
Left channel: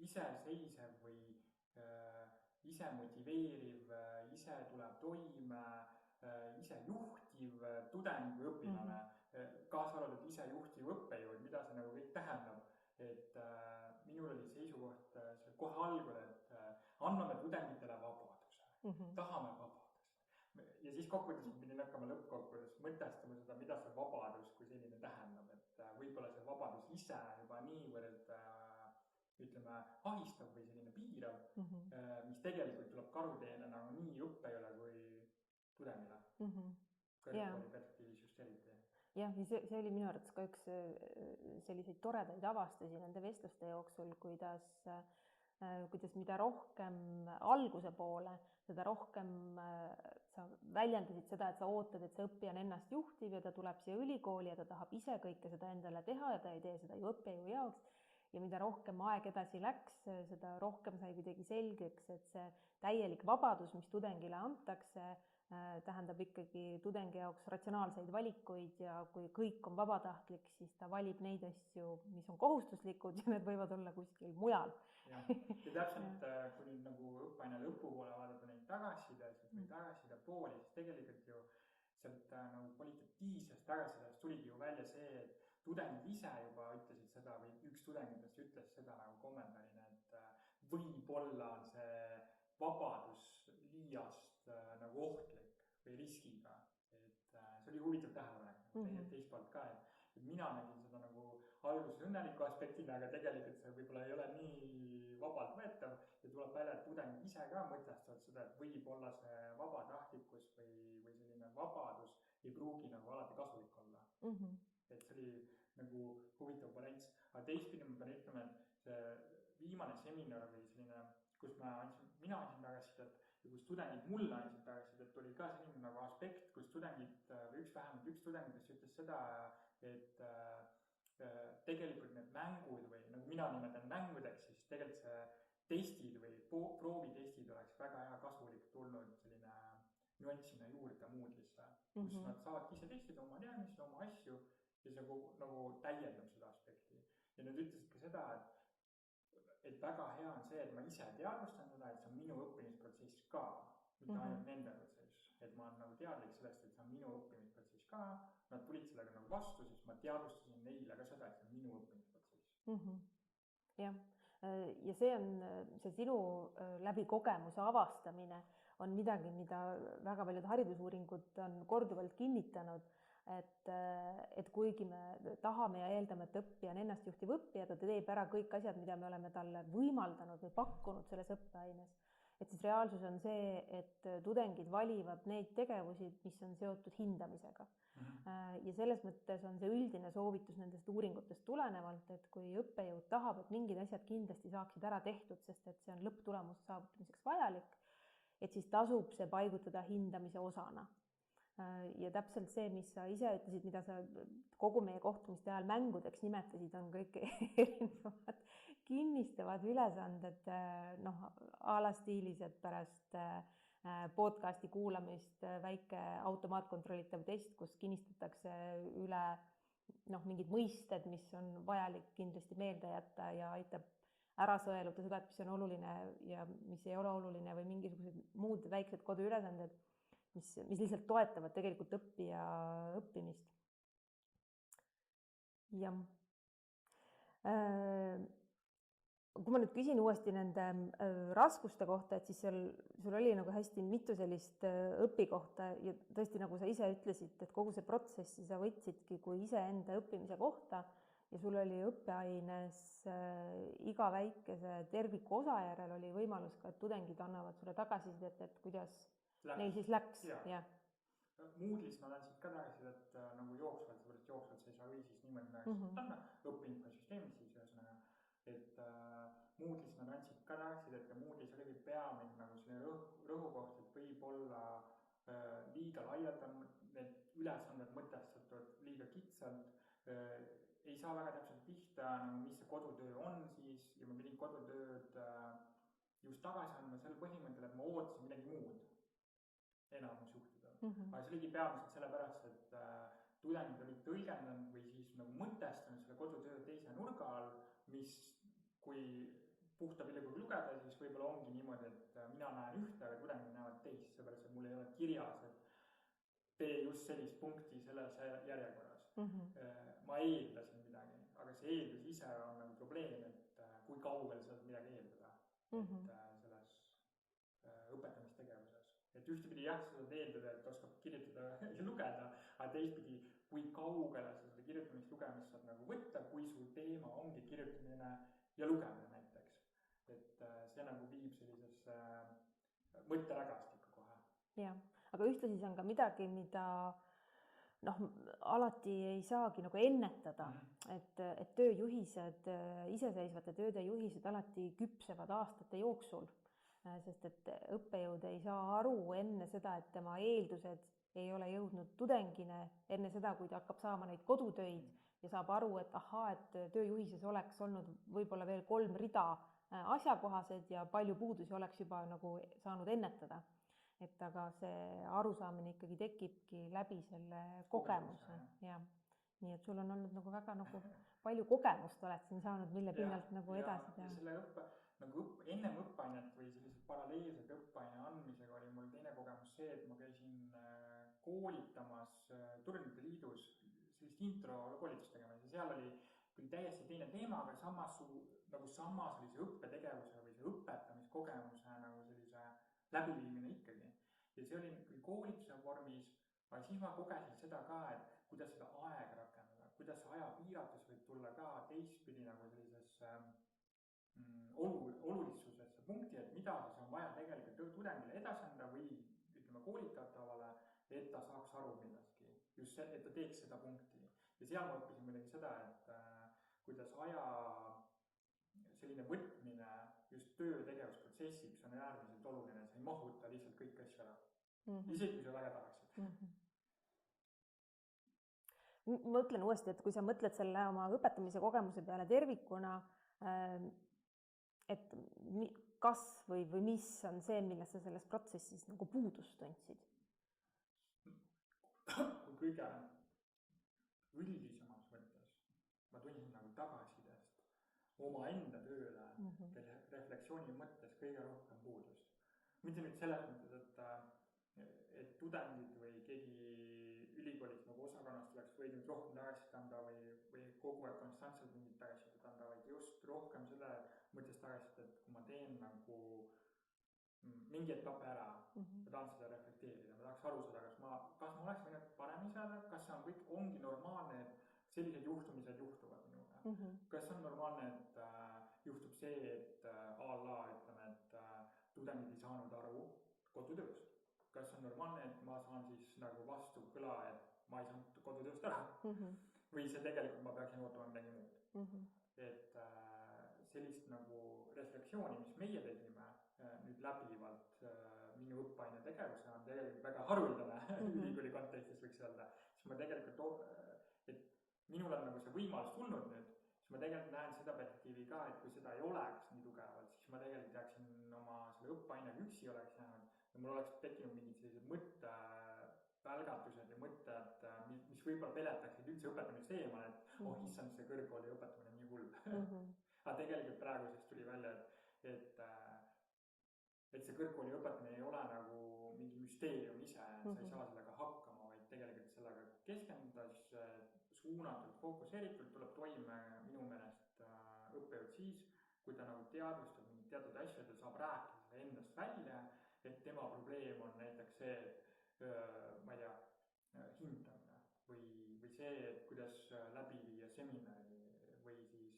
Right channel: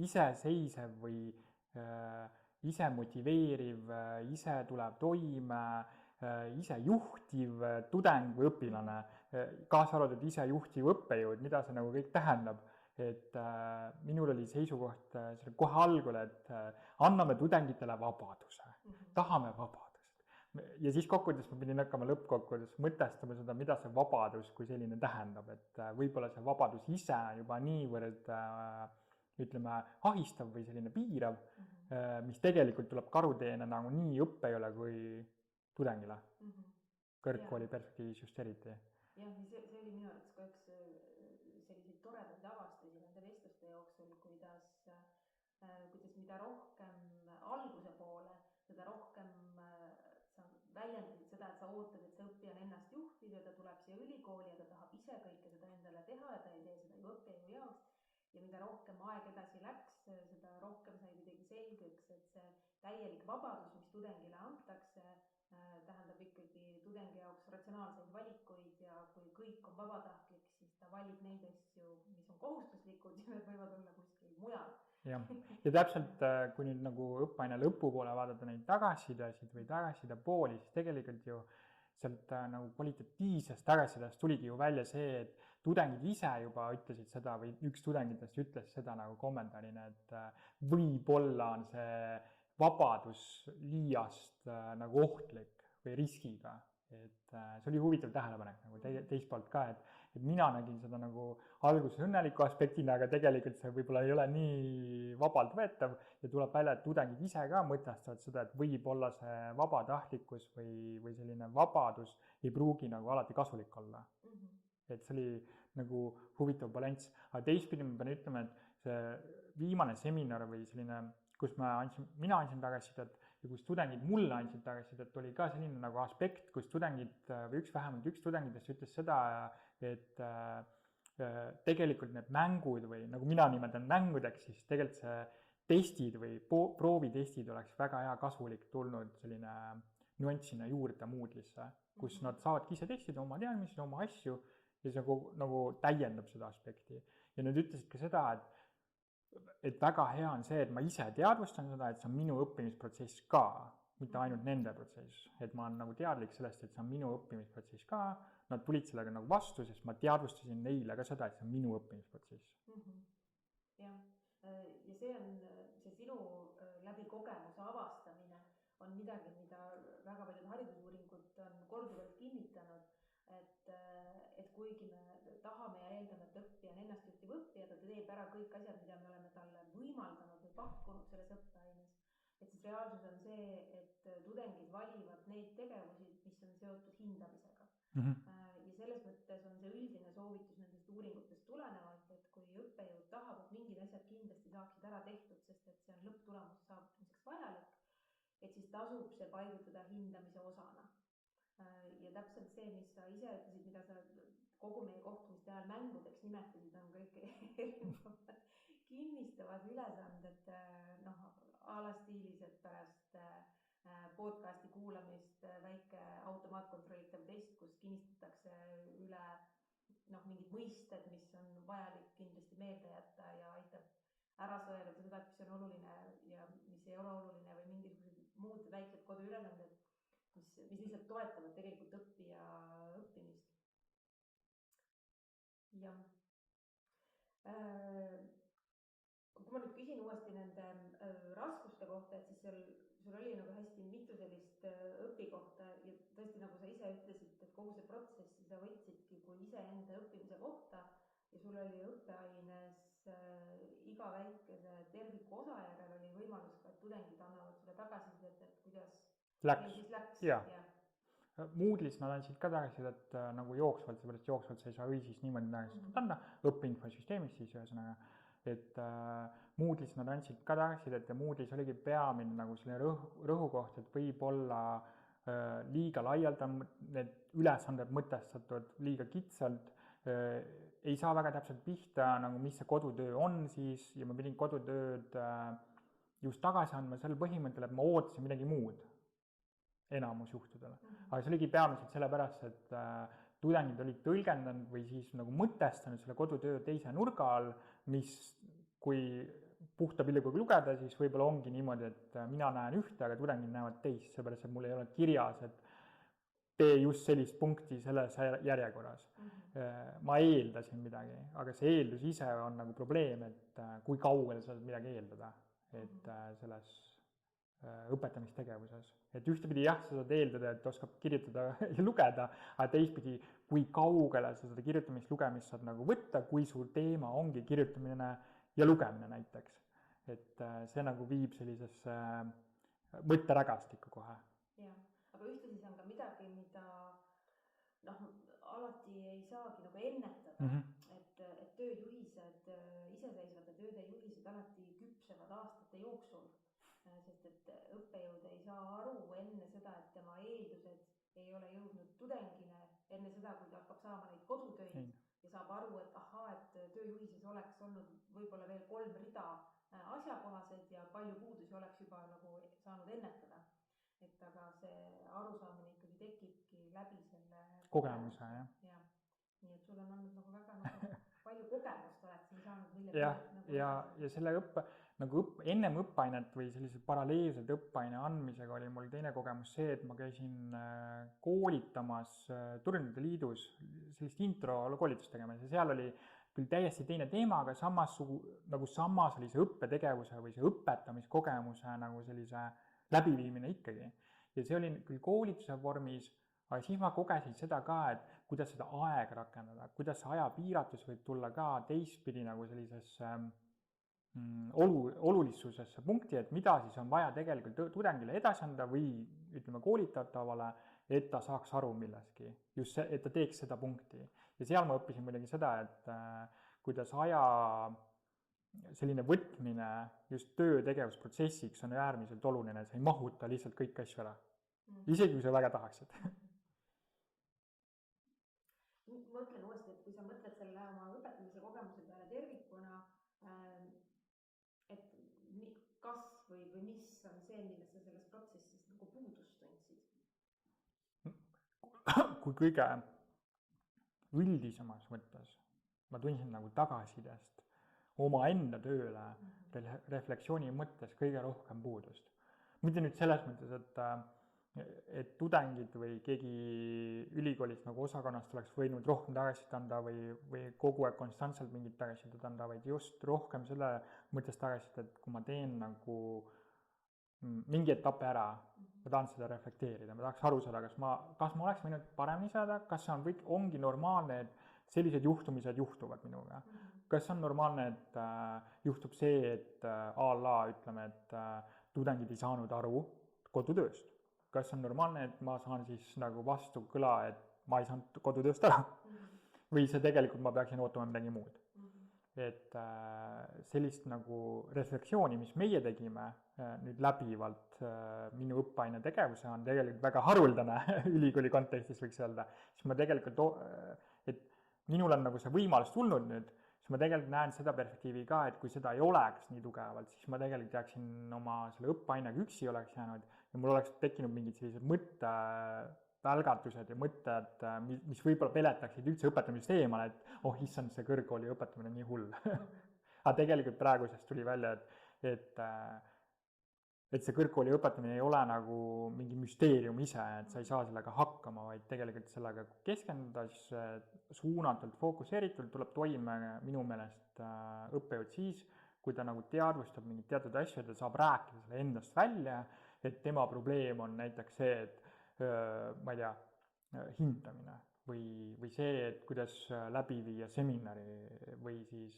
iseseisev või ise motiveeriv, ise tuleb toime, ise juhtiv tudeng või õpilane, kaasa arvatud ise juhtiv õppejõud, mida see nagu kõik tähendab. Et minul oli seisukoht kohe algul, et anname tudengitele vabaduse, tahame vabadust. Ja siis kokkuvõttes ma pidin hakkama lõppkokkuvõttes mõtestama seda, mida see vabadus kui selline tähendab, et võib-olla see vabadus ise juba niivõrd ütleme ahistav või selline piirav, mis tegelikult tuleb karuteene nagu nii õppejõule kui tudengile, kõrgkooli perspektiivis just eriti. Jah, ja see oli minu arvates ka üks selliseid toredaid avastusi nende vestluste jooksul, kuidas mida rohkem alguse poole, seda rohkem sa väljendasid seda, et sa ootad, et see õppija on ennast juhtiv ja ta tuleb siia ülikooli ja ta tahab ise kõike seda endale teha ja ta ei tee seda ju õppejõu jaoks. Ja mida rohkem aeg edasi läks, seda rohkem sai kuidagi selgeks, et see täielik vabadus, mis tudengile antakse, tähendab ikkagi tudengi jaoks ratsionaalseid valikuid ja kui kõik on vabatahtlik, siis ta valib neid asju, mis on kohustuslikud ja need võivad olla kuskil mujal. Ja täpselt, kui nüüd nagu õppeaine lõpupoole vaadata neid tagasisidesid või tagasiside pooli, siis tegelikult ju sealt nagu kvalitatiivsest tagasisidest tuligi ju välja see, et tudengid ise juba ütlesid seda või üks tudengitest ütles seda nagu kommentaarina, et võib-olla on see vabadus liiast nagu ohtlik või riskiga. Et see oli huvitav tähelepanek nagu teist poolt ka, et mina nägin seda nagu alguses õnneliku aspektina, aga tegelikult see võib-olla ei ole nii vabalt võetav ja tuleb välja, et tudengid ise ka mõtestavad seda, et võib-olla see vabatahtlikkus või selline vabadus ei pruugi nagu alati kasulik olla. Et see oli nagu huvitav balanss. Aga teistpidi ma pean ütlema, et see viimane seminar või selline, kus mina andsin tagasisidet, ja kus tudengid mulle andsid tagasisidet, oli ka selline nagu aspekt, kus tudengid või vähemalt üks tudengitest ütles seda, et tegelikult need mängud või nagu mina nimetan mängudeks, siis tegelikult see testid või proovitestid oleks väga hea kasulik tulnud selline nüanssina juurde Moodle'isse, kus nad saavadki ise testida oma teadmisi, oma asju ja see nagu täiendab seda aspekti. Ja nad ütlesid ka seda, et väga hea on see, et ma ise teadvustan seda, et see on minu õppimisprotsess ka, mitte ainult nende protsess. Et ma olen nagu teadlik sellest, et see on minu õppimisprotsess ka. Nad tulid sellega nagu vastu, sest ma teadvustasin neile ka seda, et see on minu õppimisprotsess. Jah, ja see sinu läbi kogemuse avastamine on midagi, mida väga paljud haridusuuringud on korduvalt kinnitanud, et kuigi me tahame ja eeldame, et õppija on ennastjuhtiv õppija, ta teeb ära kõik asjad, mida me oleme talle võimaldanud või pakkunud selles õppeaines, et siis reaalsus on see, et tudengid valivad neid tegevusi, mis on seotud hindamisega. Ja selles mõttes on see üldine soovitus nendest uuringutest tulenevalt, et kui õppejõud tahab, et mingid asjad kindlasti saaksid ära tehtud, sest et see on lõpptulemuse saavutamiseks vajalik, et siis tasub see paigutada hindamise osana. Ja täpselt see, mis sa ise ütlesid, mida sa kogu meie kohtumiste ajal mängudeks nimetasid, on kõik erinevad kinnistavad ülesanded, a la stiilis, et pärast podcasti kuulamist väike automaatkontrollitav test, kus kinnistatakse üle mingid mõisted, mis on vajalik kindlasti meelde jätta ja aitab ära sõeluda seda, et mis on oluline ja mis ei ole oluline või mingisugused muud väiksed koduülesanded, mis lihtsalt toetavad tegelikult õppija õppimist. Jah. Kui ma nüüd küsin uuesti nende raskuste kohta, et siis sul oli nagu hästi mitu sellist õpikohta ja tõesti, nagu sa ise ütlesid, et kogu see protsessi sa võtsidki kui iseenda õppimise kohta ja sul oli õppeaines iga väikese terviku osa järel oli võimalus ka, et tudengid annavad sulle tagasisidet, et kuidas neil siis läks. Moodle'is nad andsid ka tagasisidet nagu jooksvalt, seepärast jooksvalt sa ei saa siis niimoodi tagasisidet anda, õppeinfosüsteemis siis ühesõnaga. Et Moodle'is nad andsid ka tagasisidet ja Moodle'is oligi peamine nagu selline rõhukoht, et võib olla liiga laialt on need ülesanded mõtestatud liiga kitsalt, ei saa väga täpselt pihta, nagu mis see kodutöö on siis ja ma pidin kodutööd just tagasi andma sel põhimõttel, et ma ootasin midagi muud enamus juhtudele. Aga see oligi peamiselt sellepärast, et tudengid olid tõlgendanud või siis nagu mõtestanud selle kodutöö teise nurga all, mis kui puhta pilguga lugeda, siis võib-olla ongi niimoodi, et mina näen ühte, aga tudengid näevad teist, seepärast, et mul ei ole kirjas, et tee just sellist punkti selles järjekorras. Ma eeldasin midagi, aga see eeldus ise on nagu probleem, et kui kaugele sa midagi eeldada, et selles õpetamistegevuses. Et ühtepidi jah, sa saad eeldada, et oskab kirjutada ja lugeda, aga teistpidi, kui kaugele sa seda kirjutamist, lugemist saad nagu võtta, kui suur teema ongi kirjutamine ja lugemine näiteks. Et see nagu viib sellisesse mõtterägastikku kohe. Jah, aga ühtlasi see on ka midagi, mida alati ei saagi nagu ennetada, et tööjuhised, iseseisvate tööde juhised alati küpsevad aastate jooksul. Sest et õppejõud ei saa aru enne seda, et tema eeldused ei ole jõudnud tudengine, enne seda, kui ta hakkab saama neid kodutöid ja saab aru, et et tööjuhises oleks olnud võib-olla veel 3 rida asjakohased ja palju puudusi oleks juba nagu saanud ennetada. Et aga see arusaamine ikkagi tekibki läbi selle kogemuse. Ja. Nii et sul on olnud nagu väga palju kogemust oled siin saanud millegi nagu edasi. Ja selle ennem õppeainet või sellised paralleelsed õppeaine andmisega oli mul teine kogemus see, et ma käisin koolitamas Turnide Liidus sellist intro koolitust tegemas ja seal oli küll täiesti teine teema, aga samas oli see õppetegevuse või see õpetamiskogemuse nagu sellise läbiviimine ikkagi. Ja see oli küll koolituse vormis, aga siis ma kogesin seda ka, et kuidas seda aega rakendada, kuidas see ajapiiratus võib tulla ka teistpidi nagu sellisesse olulisusesse punkti, et mida siis on vaja tegelikult tudengile edasi anda või ütleme koolitatavale, et ta saaks aru millestki, just see, et ta teeks seda punkti. Ja seal ma õppisin muidugi seda, et kuidas selline võtmine just töötegevusprotsessiks on äärmiselt oluline, sa ei mahuta lihtsalt kõiki asju ära. Isegi kui sa väga tahaksid. Mõtlen uuesti, et kui sa mõtled selle oma õpetamise kogemuse peale tervikuna, et kas või mis on see, milles sa selles protsessis nagu puudust tundsid? Kui kõige üldisemas mõttes ma tundsin nagu tagasidest oma enda tööle refleksiooni mõttes kõige rohkem puudust. Mitte nüüd selles mõttes, et tudengid või keegi ülikoolist nagu osakonnast oleks võinud rohkem tagasisid anda või kogu aeg konstantselt mingit tagasisid anda, vaid just rohkem selle mõttes tagasisid, et kui ma teen nagu mingi etapp ära, ma tahan seda reflekteerida, ma tahaks aru saada, kas ma oleks võinud paremini saada, kas see ongi normaalne, et sellised juhtumised juhtuvad minuga. Kas on normaalne, et juhtub see, et ütleme, et tudengid ei saanud aru kodutööst. Kas on normaalne, et ma saan siis nagu vastu kõla, et ma ei saanud kodutööst ära? Või see tegelikult ma peaksin ootama midagi muud. Et sellist nagu refleksiooni, mis meie tegime nüüd läbivalt minu õppeaine tegevuse on tegelikult väga haruldane ülikooli kontekstis võiks öelda. Siis ma tegelikult, et minul on nagu see võimalus tulnud nüüd, siis ma tegelikult näen seda perspektiivi ka, et kui seda ei oleks nii tugevalt, siis ma tegelikult jääksin oma selle õppeainega üksi oleks jäänud ja mul oleks tekkinud mingid sellised mõttevälgatused ja mõtted, mis võib-olla peletaksid üldse õpetamisest eemale, et issand, see kõrgkooli õpetamine on nii hull. Aga tegelikult praegusest tuli välja, et see kõrgkooli õpetamine ei ole nagu mingi müsteerium ise, et sa ei saa sellega hakkama, vaid tegelikult sellega keskenduda, siis suunatult, fookuseeritult tuleb toime minu meelest õppejõud siis, kui ta nagu teadvustab mingid teatud asju, ta saab rääkida selle endast välja, et tema probleem on näiteks see, et ma ei tea, hindamine või see, et kuidas läbi viia seminari või siis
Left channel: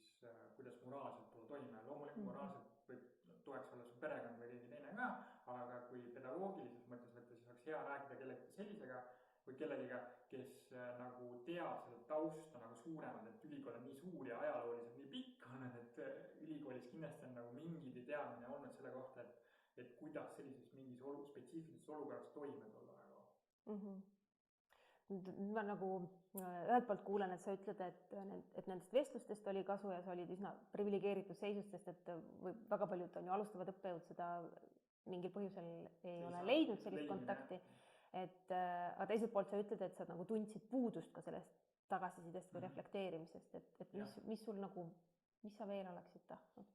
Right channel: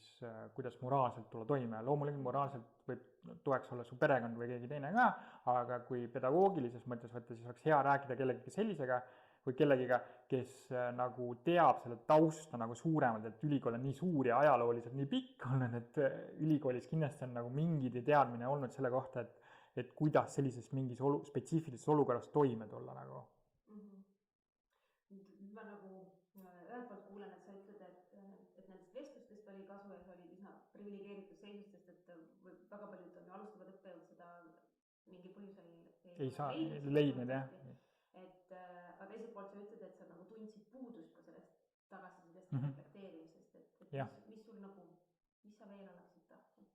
kuidas moraalselt tulla toime. Loomulikult moraalselt võib toeks olla su perekond või keegi teine ka, aga kui pedagoogilises mõttes võtta, siis oleks hea rääkida kellegagi sellisega või kellegiga, kes nagu teab selle tausta nagu suuremalt, et ülikool on nii suur ja ajalooliselt nii pikk olnud, et ülikoolis kindlasti on nagu mingid teadmine olnud selle kohta, et kuidas sellises mingis spetsiifilises olukorras toime tulla nagu. Ma nagu ühelt poolt kuulen, et sa ütled, et nendest vestlustest oli kasu ja sa olid üsna privilegeeritud seisust, sest et väga paljud on ju alustavad õppejõud seda mingil põhjusel ei ole leidnud sellest kontakti. Aga teiselt poolt sa ütled, et sa nagu tundsid puudust ka sellest tagasisidest või reflekteerimisest, et mis sul nagu, mis sa veel oleksid tahtnud?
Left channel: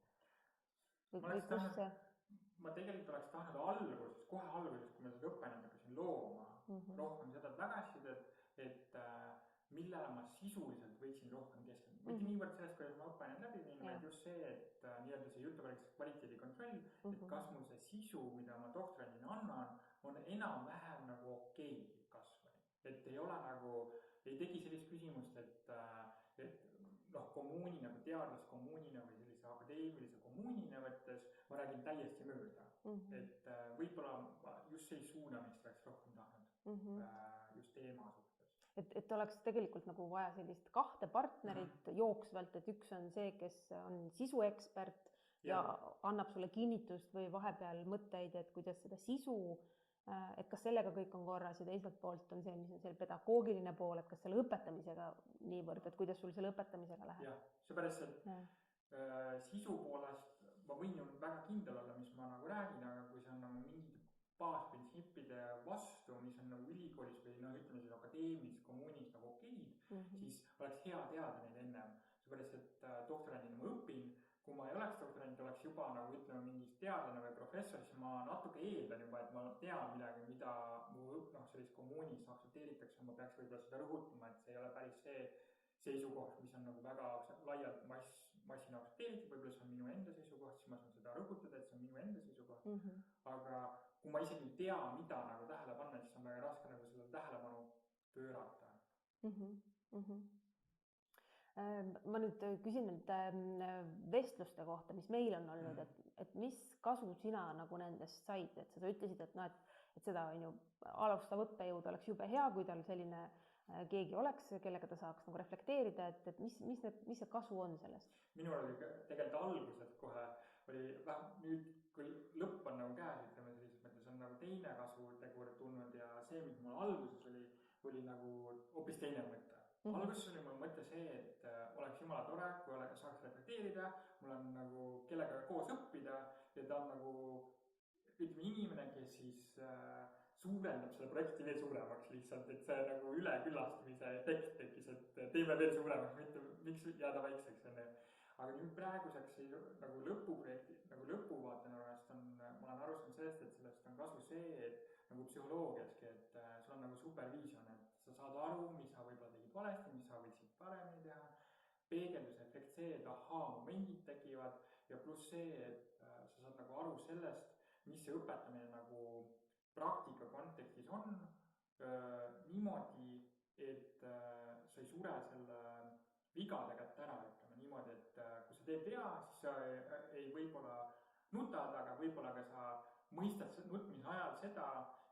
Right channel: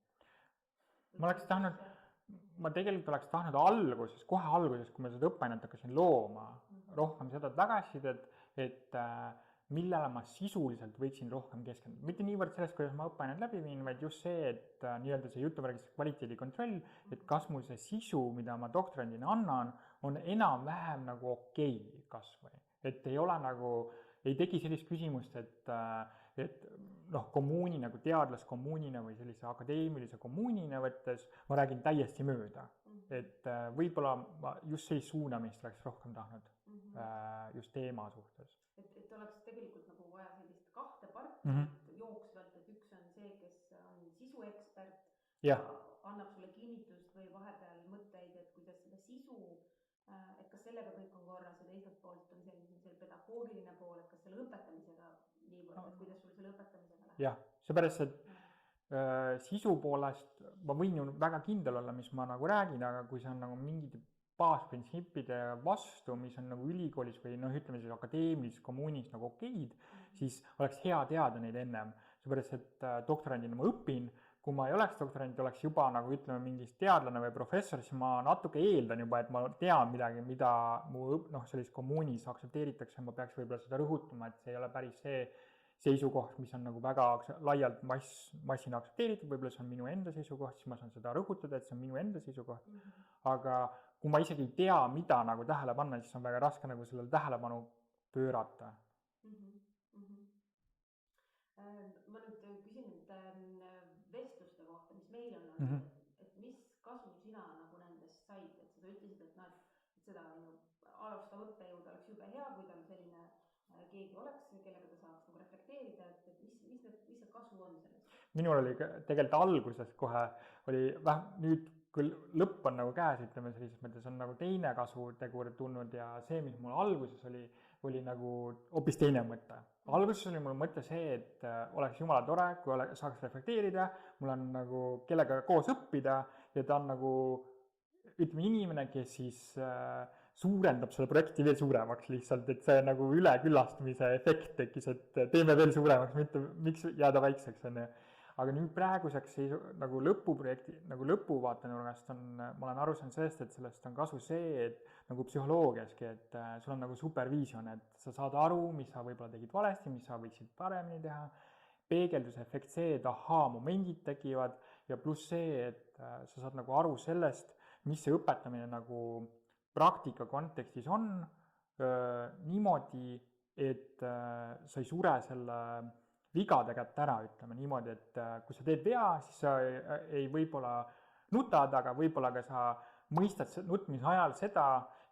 Ma tegelikult oleks tahtnud kohe alguses, kui ma seda õppeainet hakkasin looma, rohkem seda tagasisidet, et millele ma sisuliselt võiksin rohkem keskenduda. Mitte niivõrd sellest, kuidas ma õppeainet läbi viin, vaid just see, et nii-öelda see jutuvärgis kvaliteedikontroll, et kas mul see sisu, mida ma doktorandina annan, on enam-vähem nagu okei kasvõi. Et ei ole nagu, ei teki sellist küsimust, et kommuuni nagu teadlaskommuunina või sellise akadeemilise kommuunina võttes ma räägin täiesti mööda. Et võib-olla ma just sellist suunamist oleks rohkem tahtnud just teema suhtes. Et oleks tegelikult nagu vaja sellist kahte partnerit jooksvalt, et üks on see, kes on sisuekspert ja annab sulle kinnitust või vahepeal mõtteid, et kuidas seda sisu, et kas sellega kõik on korras ja teiselt poolt on see, mis on selle pedagoogiline pool, et kas selle õpetamisega niivõrd, et kuidas sul selle õpetamisega läheb? Jah, seepärast, et sisu poolest ma võin ju väga kindel olla, mis ma nagu räägin, aga kui see on nagu mingid baasprintsiipide vastu, mis on nagu ülikoolis või ütleme siis akadeemilises kommuunis nagu okeid, siis oleks hea teada neid ennem. Seepärast, et doktorandina ma õpin, kui ma ei oleks doktorant, oleks juba nagu ütleme mingis teadlane või professor, siis ma natuke eeldan juba, et ma tean midagi, mida mu sellises kommuunis aktsepteeritakse, ma peaks võib-olla seda rõhutama, et see ei ole päris see seisukoht, mis on nagu väga laialt massina aktsepteeritud, võib-olla see on minu enda seisukoht, siis ma saan seda rõhutada, et see on minu enda seisukoht. Aga kui ma isegi ei tea, mida nagu tähele panna, siis on väga raske nagu sellele tähelepanu pöörata. Ma nüüd küsin nende vestluste kohta, mis meil on olnud, et mis kasu sina nagu nendest said, et sa ütlesid, et seda alustav õppejõud oleks jube hea, kui tal selline keegi oleks, kellega ta saaks nagu reflekteerida, et mis see kasu on sellest? Minul oli tegelikult alguses kohe oli nüüd küll lõpp on nagu käes, ütleme sellises mõttes on nagu teine kasutegur tulnud ja see, mis mul alguses oli nagu hoopis teine mõte. Alguses oli mul mõte see, et oleks jumala tore, kui saaks reflekteerida, mul on nagu kellega koos õppida ja ta on nagu ütleme inimene, kes siis suurendab selle projekti veel suuremaks lihtsalt, et see nagu üleküllastumise efekt tekkis, et teeme veel suuremaks, mitte miks jääda väikseks on. Aga nüüd praeguseks nagu lõpuprojekti, nagu lõpuvaatenurgast ma olen aru saanud sellest, et sellest on kasu see, et nagu psühholoogiaski, et sul on nagu supervision, et sa saad aru, mis sa võib-olla tegid valesti, mis sa võiksid paremini teha, peegelduse efekt see, et momendid tekivad ja pluss see, et sa saad nagu aru sellest, mis see õpetamine nagu praktika kontekstis on niimoodi, et sa ei sure selle vigade kätte ära, ütleme niimoodi, et kui sa teed vea, siis sa ei võib-olla nutad, aga võib-olla ka sa mõistad nutmise ajal seda,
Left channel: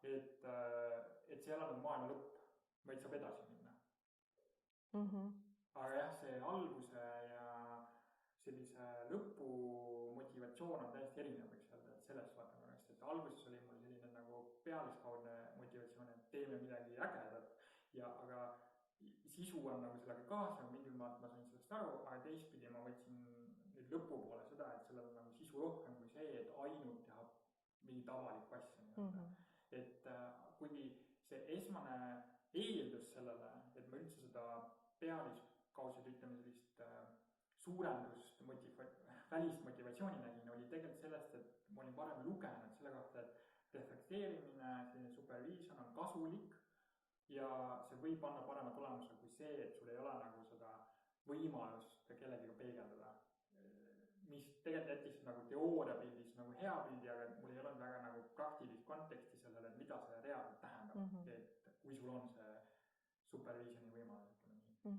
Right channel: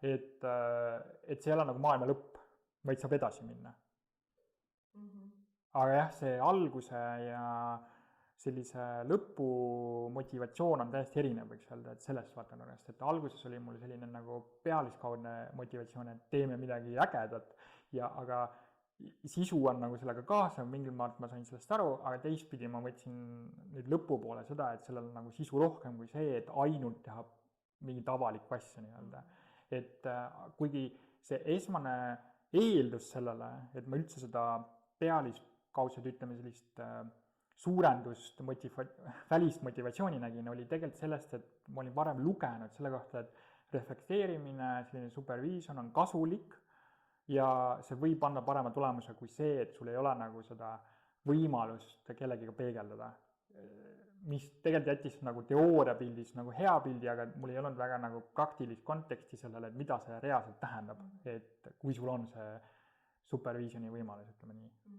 et see ei ole nagu maailma lõpp, vaid saab edasi minna. Aga jah, see alguse ja sellise lõpu motivatsioon on täiesti erinev, võiks öelda, et sellest vaatenurgast, et alguses oli mul selline nagu pealiskaudne motivatsioon, et teeme midagi ägedat, aga sisu on nagu sellega kaasa, mingil maalt ma sain sellest aru, aga teistpidi ma võtsin nüüd lõpupoole seda, et sellel on nagu sisu rohkem kui see, et ainult teha mingit avalikku asja nii-öelda. Et kuigi see esmane eeldus sellele, et ma üldse seda pealiskaudselt ütleme sellist suurendust, välist motivatsiooni nägin, oli tegelikult sellest, et ma olin varem lugenud selle kohta, et reflekteerimine, selline supervision on kasulik ja see võib anda parema tulemuse kui see, et sul ei ole nagu seda võimalust kellegiga peegeldada. Mis tegelikult jättis nagu teooriapildis nagu hea pildi, aga mul ei olnud väga nagu praktilist konteksti sellele, et mida see reaalselt tähendab, et kui sul on see supervisioni võimalus, ütleme nii.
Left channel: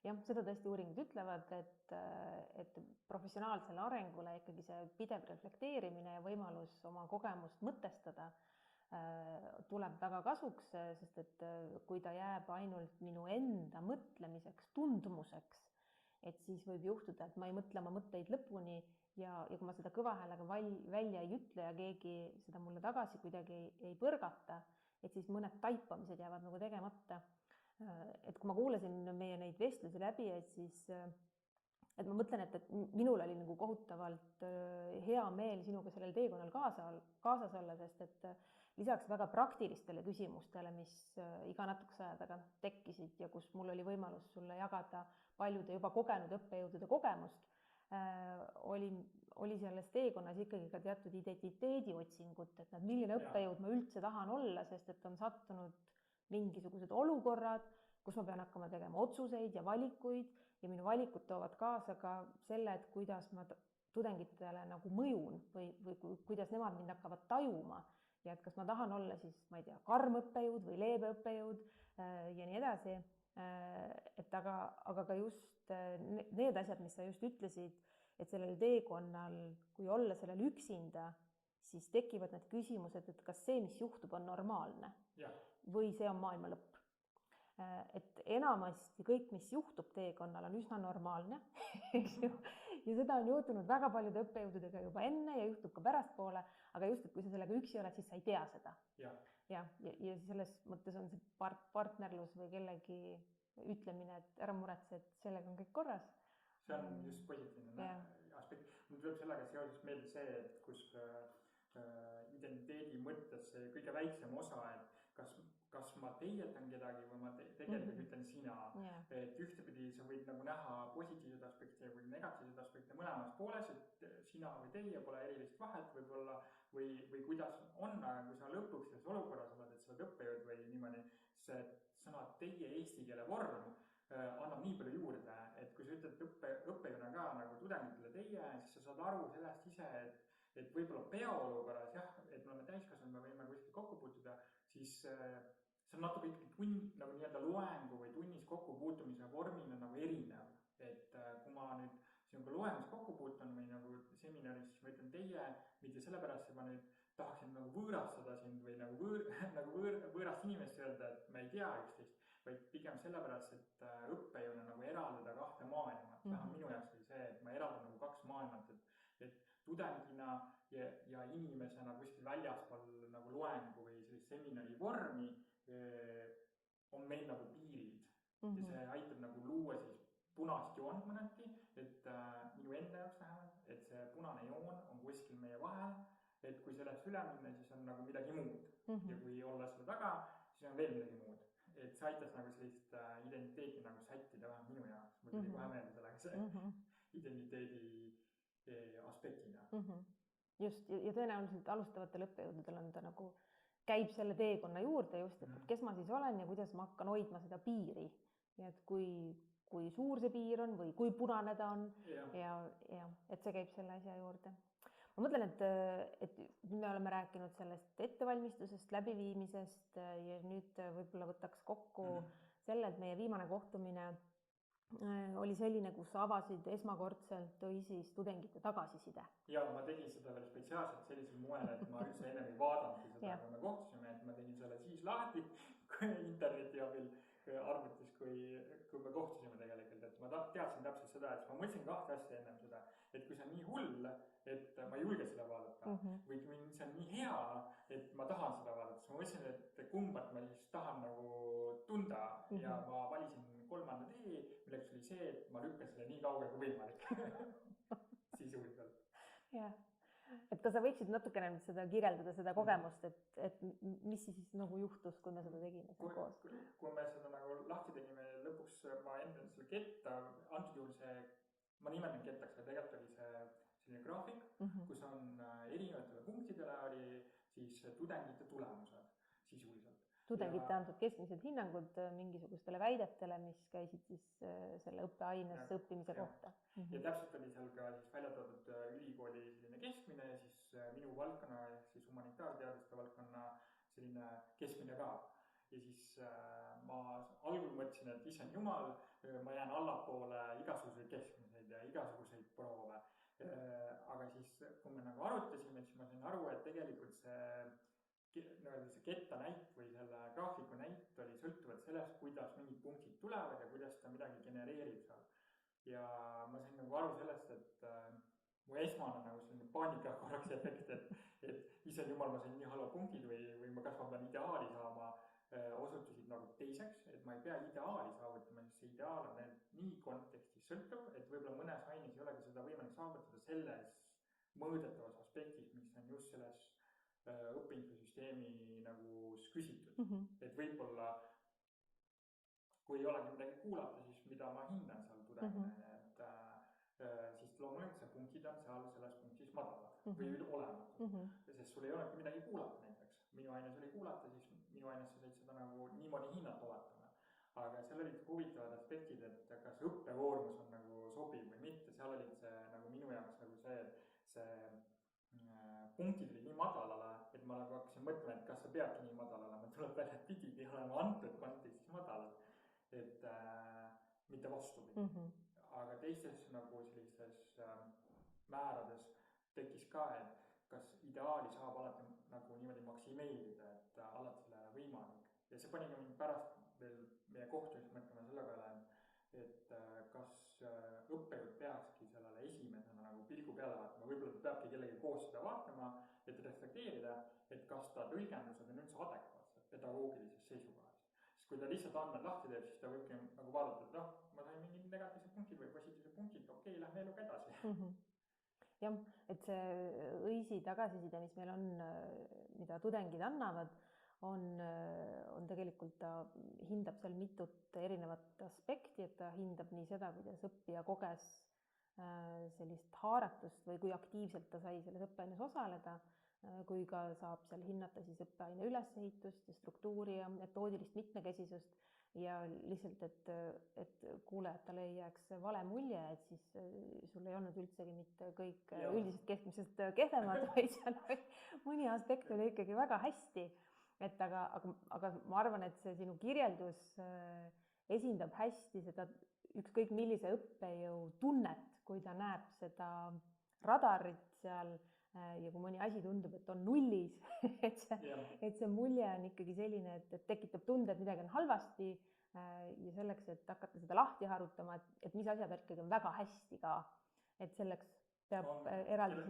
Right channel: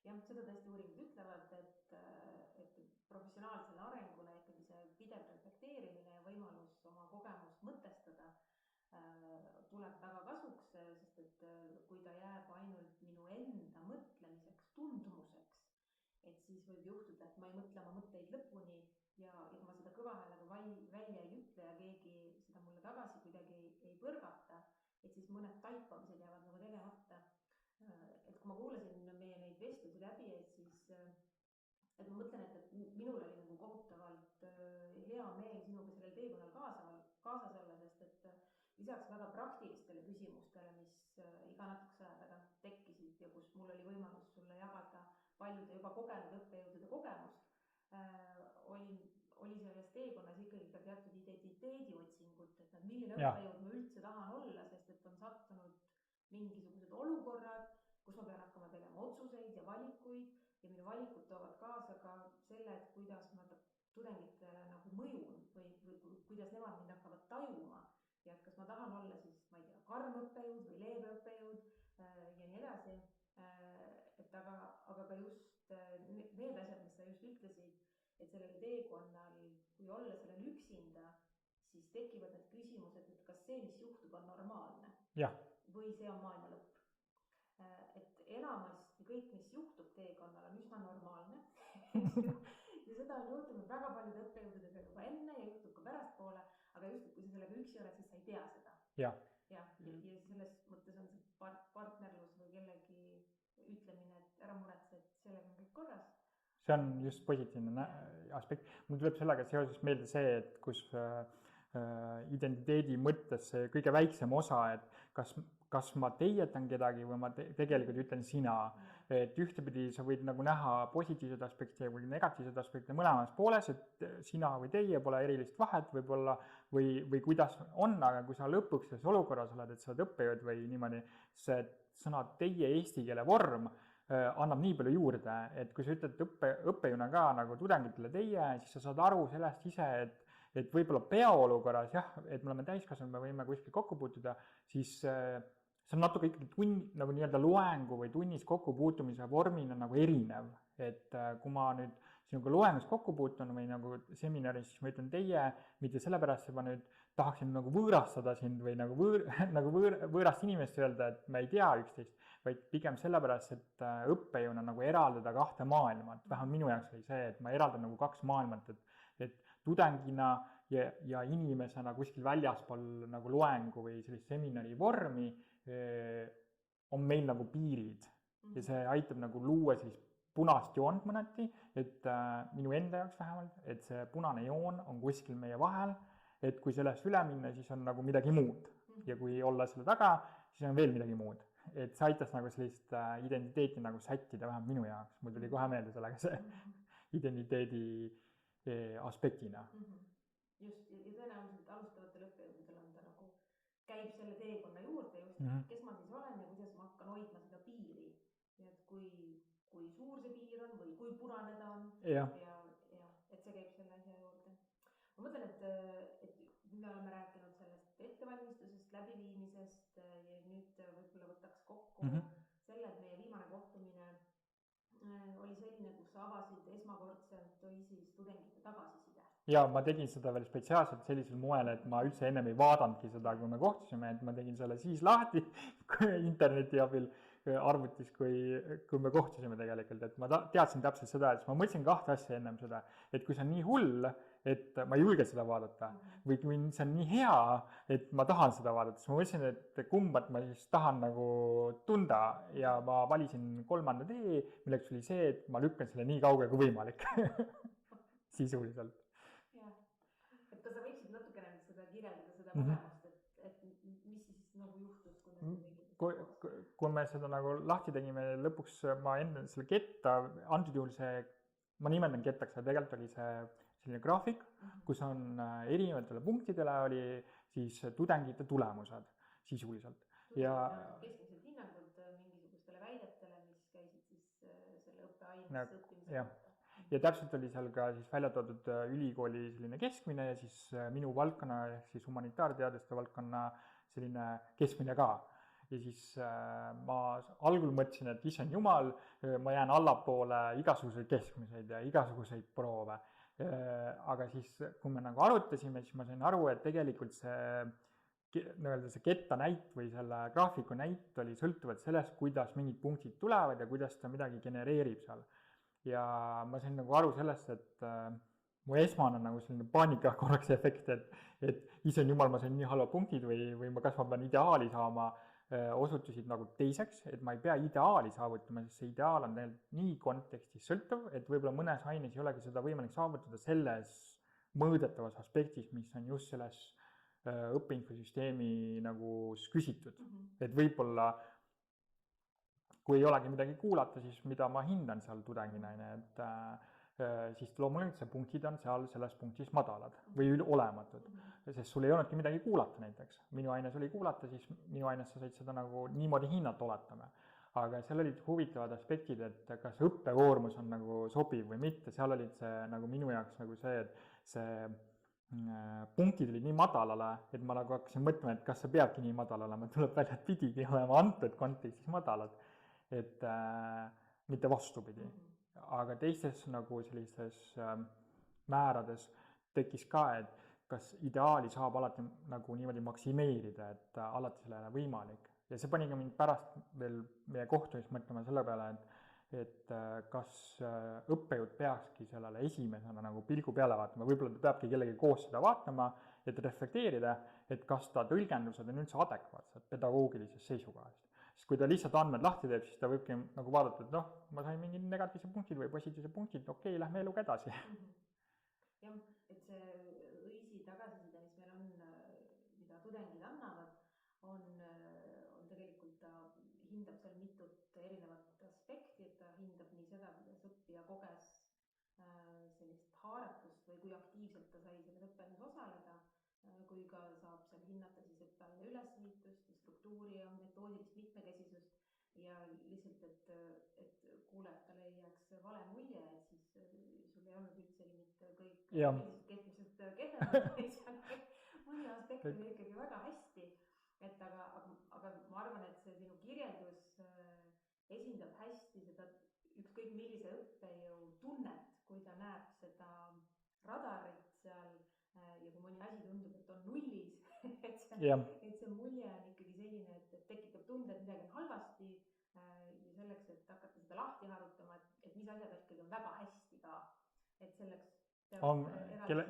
Jah, seda tõesti uuringud ütlevad, et professionaalsele arengule ikkagi see pidev reflekteerimine ja võimalus oma kogemust mõtestada tuleb väga kasuks, sest et kui ta jääb ainult minu enda mõtlemiseks, tundmuseks, et siis võib juhtuda, et ma ei mõtle oma mõtteid lõpuni ja kui ma seda kõva häälega välja ei ütle ja keegi seda mulle tagasi kuidagi ei põrgata, et siis mõned taipamised jäävad nagu tegemata. Et kui ma kuulasin meie neid vestlusi läbi, et ma mõtlen, et minul oli nagu kohutavalt hea meel sinuga sellel teekonnal kaasas olla, sest et lisaks väga praktilistele küsimustele, mis iga natukese aja tagant tekkisid ja kus mul oli võimalus sulle jagada paljude juba kogenud õppejõudude kogemust, oli selles teekonnas ikkagi ka teatud identiteedi otsingut, et milline õppejõud ma üldse tahan olla, sest et on sattunud mingisugused olukorrad, kus ma pean hakkama tegema otsuseid ja valikuid ja minu valikud toovad kaasa ka selle, et kuidas ma tudengitele nagu mõjun või kuidas nemad mind hakkavad tajuma ja et kas ma tahan olla siis, ma ei tea, karm õppejõud või leebe õppejõud ja nii edasi. Et aga ka just need asjad, mis sa just ütlesid, et sellel teekonnal, kui olla sellel üksinda, siis tekivad need küsimused, et kas see, mis juhtub, on normaalne või see on maailma lõpp. Et enamasti kõik, mis juhtub teekonnal, on üsna normaalne ja seda on juhtunud väga paljude õppejõududega juba enne ja juhtub ka pärastpoole, aga just, et kui sa sellega üksi oled, siis sa ei tea seda. Ja selles mõttes on see partnerlus või kellegi ütlemine, et ära muretse, et sellega on kõik korras. See on just positiivne aspekt. Mul tuleb sellega seoses meelde see, et kus identiteedi mõttes see kõige väiksem osa, et kas ma teietan kedagi või ma tegelikult ütlen sina. Et ühtepidi sa võid nagu näha positiivsed aspekte või negatiivsed aspekte mõlemas pooles, et sina või teie pole erilist vahet võib-olla või kuidas on, aga kui sa lõpuks selles olukorras oled, et sa oled õppejõud või niimoodi, see sõna teie eesti keele vorm annab nii palju juurde, et kui sa ütled õppejõuna ka nagu tudengitele teie, siis sa saad aru sellest ise, et võib-olla peaolukorras et me oleme täiskasvanud, me võime kuskil kokku puutuda, siis see on natuke ikkagi nagu nii-öelda loengu või tunnis kokkupuutumise vormina nagu erinev. Et kui ma nüüd sinuga loengus kokku puutun või nagu seminaris, siis ma ütlen teie, mitte sellepärast, et ma nüüd tahaksin nagu võõrastada sind või nagu võõrast inimest öelda, et me ei tea üksteist, vaid pigem sellepärast, et õppejõuna nagu eraldada kahte maailma, et vähemalt minu jaoks oli see, et ma eraldan nagu kaks maailmat, et tudengina ja inimesena kuskil väljaspool nagu loengu või sellist seminari vormi on meil nagu piirid ja see aitab nagu luua sellist punast joont mõneti, et minu enda jaoks vähemalt, et see punane joon on kuskil meie vahel, et kui sellest üle minna, siis on nagu midagi muud ja kui olla selle taga, siis on veel midagi muud. Et see aitas nagu sellist identiteeti nagu sättida vähem minu jaoks, mul tuli kohe meelde sellega see identiteedi aspektina. Just, ja tõenäoliselt alustavatel õppejõududel on ta nagu käib selle teekonna juurde just, et kes ma siis olen ja kuidas ma hakkan hoidma seda piiri. Ja et kui suur see piir on või kui punane ta on ja et see käib selle asja juurde. Ma mõtlen, et me oleme rääkinud sellest ettevalmistusest, läbiviimisest ja nüüd võib-olla võtaks kokku selle, et meie viimane kohtumine oli selline, kus avasid esmakordselt siis tudengite tagasiside. Ja ma tegin seda veel spetsiaalselt sellisel moel, et ma üldse ennem ei vaadanudki seda, kui me kohtusime, et ma tegin selle siis lahti interneti abil arvutis, kui me kohtusime tegelikult, et ma teadsin täpselt seda, et ma mõtlesin kahte asja ennem seda, et kui see on nii hull, et ma ei julge seda vaadata või kui see on nii hea, et ma tahan seda vaadata, siis ma mõtlesin, et kumbat ma siis tahan nagu tunda ja ma valisin 3. tee, milleks oli see, et ma lükkan selle nii kauge kui võimalik sisuliselt. Jah. Et kas sa võiksid natukene seda kirjeldada, seda kogemust, et mis siis nagu juhtus, kui me seda tegime? Kui me seda nagu lahti tegime, lõpuks ma enne selle ketta, antud juhul see, ma nimetan kettaks, aga tegelikult oli see selline graafik, kus on erinevatele punktidele oli siis tudengite tulemused sisuliselt. Tudengite antud keskmised hinnangud mingisugustele väidetele, mis käisid siis selle õppeaines õppimise kohta. Ja täpselt oli seal ka siis välja toodud ülikooli selline keskmine ja siis minu valdkonna, siis humanitaarteaduste valdkonna selline keskmine ka. Ja siis ma algul mõtlesin, et issand jumal, ma jään allapoole igasuguseid keskmiseid ja igasuguseid proove. Aga siis, kui me nagu arutasime, siis ma sain aru, et tegelikult see ketta näit või selle graafiku näit oli sõltuvad sellest, kuidas mingid punktid tulevad ja kuidas ta midagi genereerib seal. Ja ma sain nagu aru sellest, et mu esmane nagu selline paanika korraks efekt, et issand jumal, ma sain nii halva punktid või kas ma pean ideaali saama, osutusid nagu teiseks, et ma ei pea ideaali saavutama, sest see ideaal on tegelikult nii kontekstis sõltuv, et võib-olla mõnes aines ei olegi seda võimalik saavutada selles mõõdetavas aspektis, mis on just selles õppeinfosüsteemi nagu küsitud. Et võib-olla kui ei olegi midagi kuulata, siis mida ma hindan seal tudengina, et siis loomulikult see punktid on seal selles punktis madalad või olematud, sest sul ei olnudki midagi kuulata näiteks. Minu aines oli kuulata, siis minu aines sa said seda nagu niimoodi hinnata oletame. Aga seal olid huvitavad aspektid, et kas õppekoormus on nagu sobiv või mitte, seal olid see nagu minu jaoks nagu see, et see punktid olid nii madalale, et ma nagu hakkasin mõtlema, et kas see peabki nii madal olema, tuleb välja, et pidigi olema antud kontekstis madalad, et mitte vastupidi. Aga teistes nagu sellistes määrades tekkis ka, et kas ideaali saab alati nagu niimoodi maksimeerida, et alati sellele võimalik. Ja see pani ka mind pärast veel meie kohtumist mõtlema selle peale, et kas õppejõud peakski sellele esimesena nagu pilgu peale vaatama, võib-olla ta peabki kellegi koos seda vaatama, et reflekteerida, et kas ta tõlgendused on üldse adekvaatsed pedagoogilisest seisukohast. Sest kui ta lihtsalt andmed lahti teeb, siis ta võibki nagu vaadata, et ma sain mingid negatiivsed punktid või positiivsed punktid, okei, lähme eluga edasi. Jah, et see õisi tagasiside, mis meil on, mida tudengid annavad, on tegelikult, ta hindab seal mitut erinevat aspekti, et ta hindab nii seda, kuidas õppija koges sellist haaratust või kui aktiivselt ta sai selles õppeaines osaleda, kui ka saab seal hinnata siis õppeaine ülesehitust ja struktuuri ja metoodilist mitmekesisust ja lihtsalt, et kuulajatele ei jääks vale mulje, et siis sul ei olnud üldsegi mitte kõik üldiselt keskmisest kehvemad, vaid seal mõni aspekt oli ikkagi väga hästi. Et aga ma arvan, et see sinu kirjeldus esindab hästi seda ükskõik millise õppejõu tunnet, kui ta näeb seda radarit seal ja kui mõni asi tundub, et on nullis, et see mulje on ikkagi selline, et tekitab tunde, et midagi on halvasti ja selleks, et hakata seda lahti harutama, et mis asjad ikkagi on väga hästi ka, et selleks peab eraldi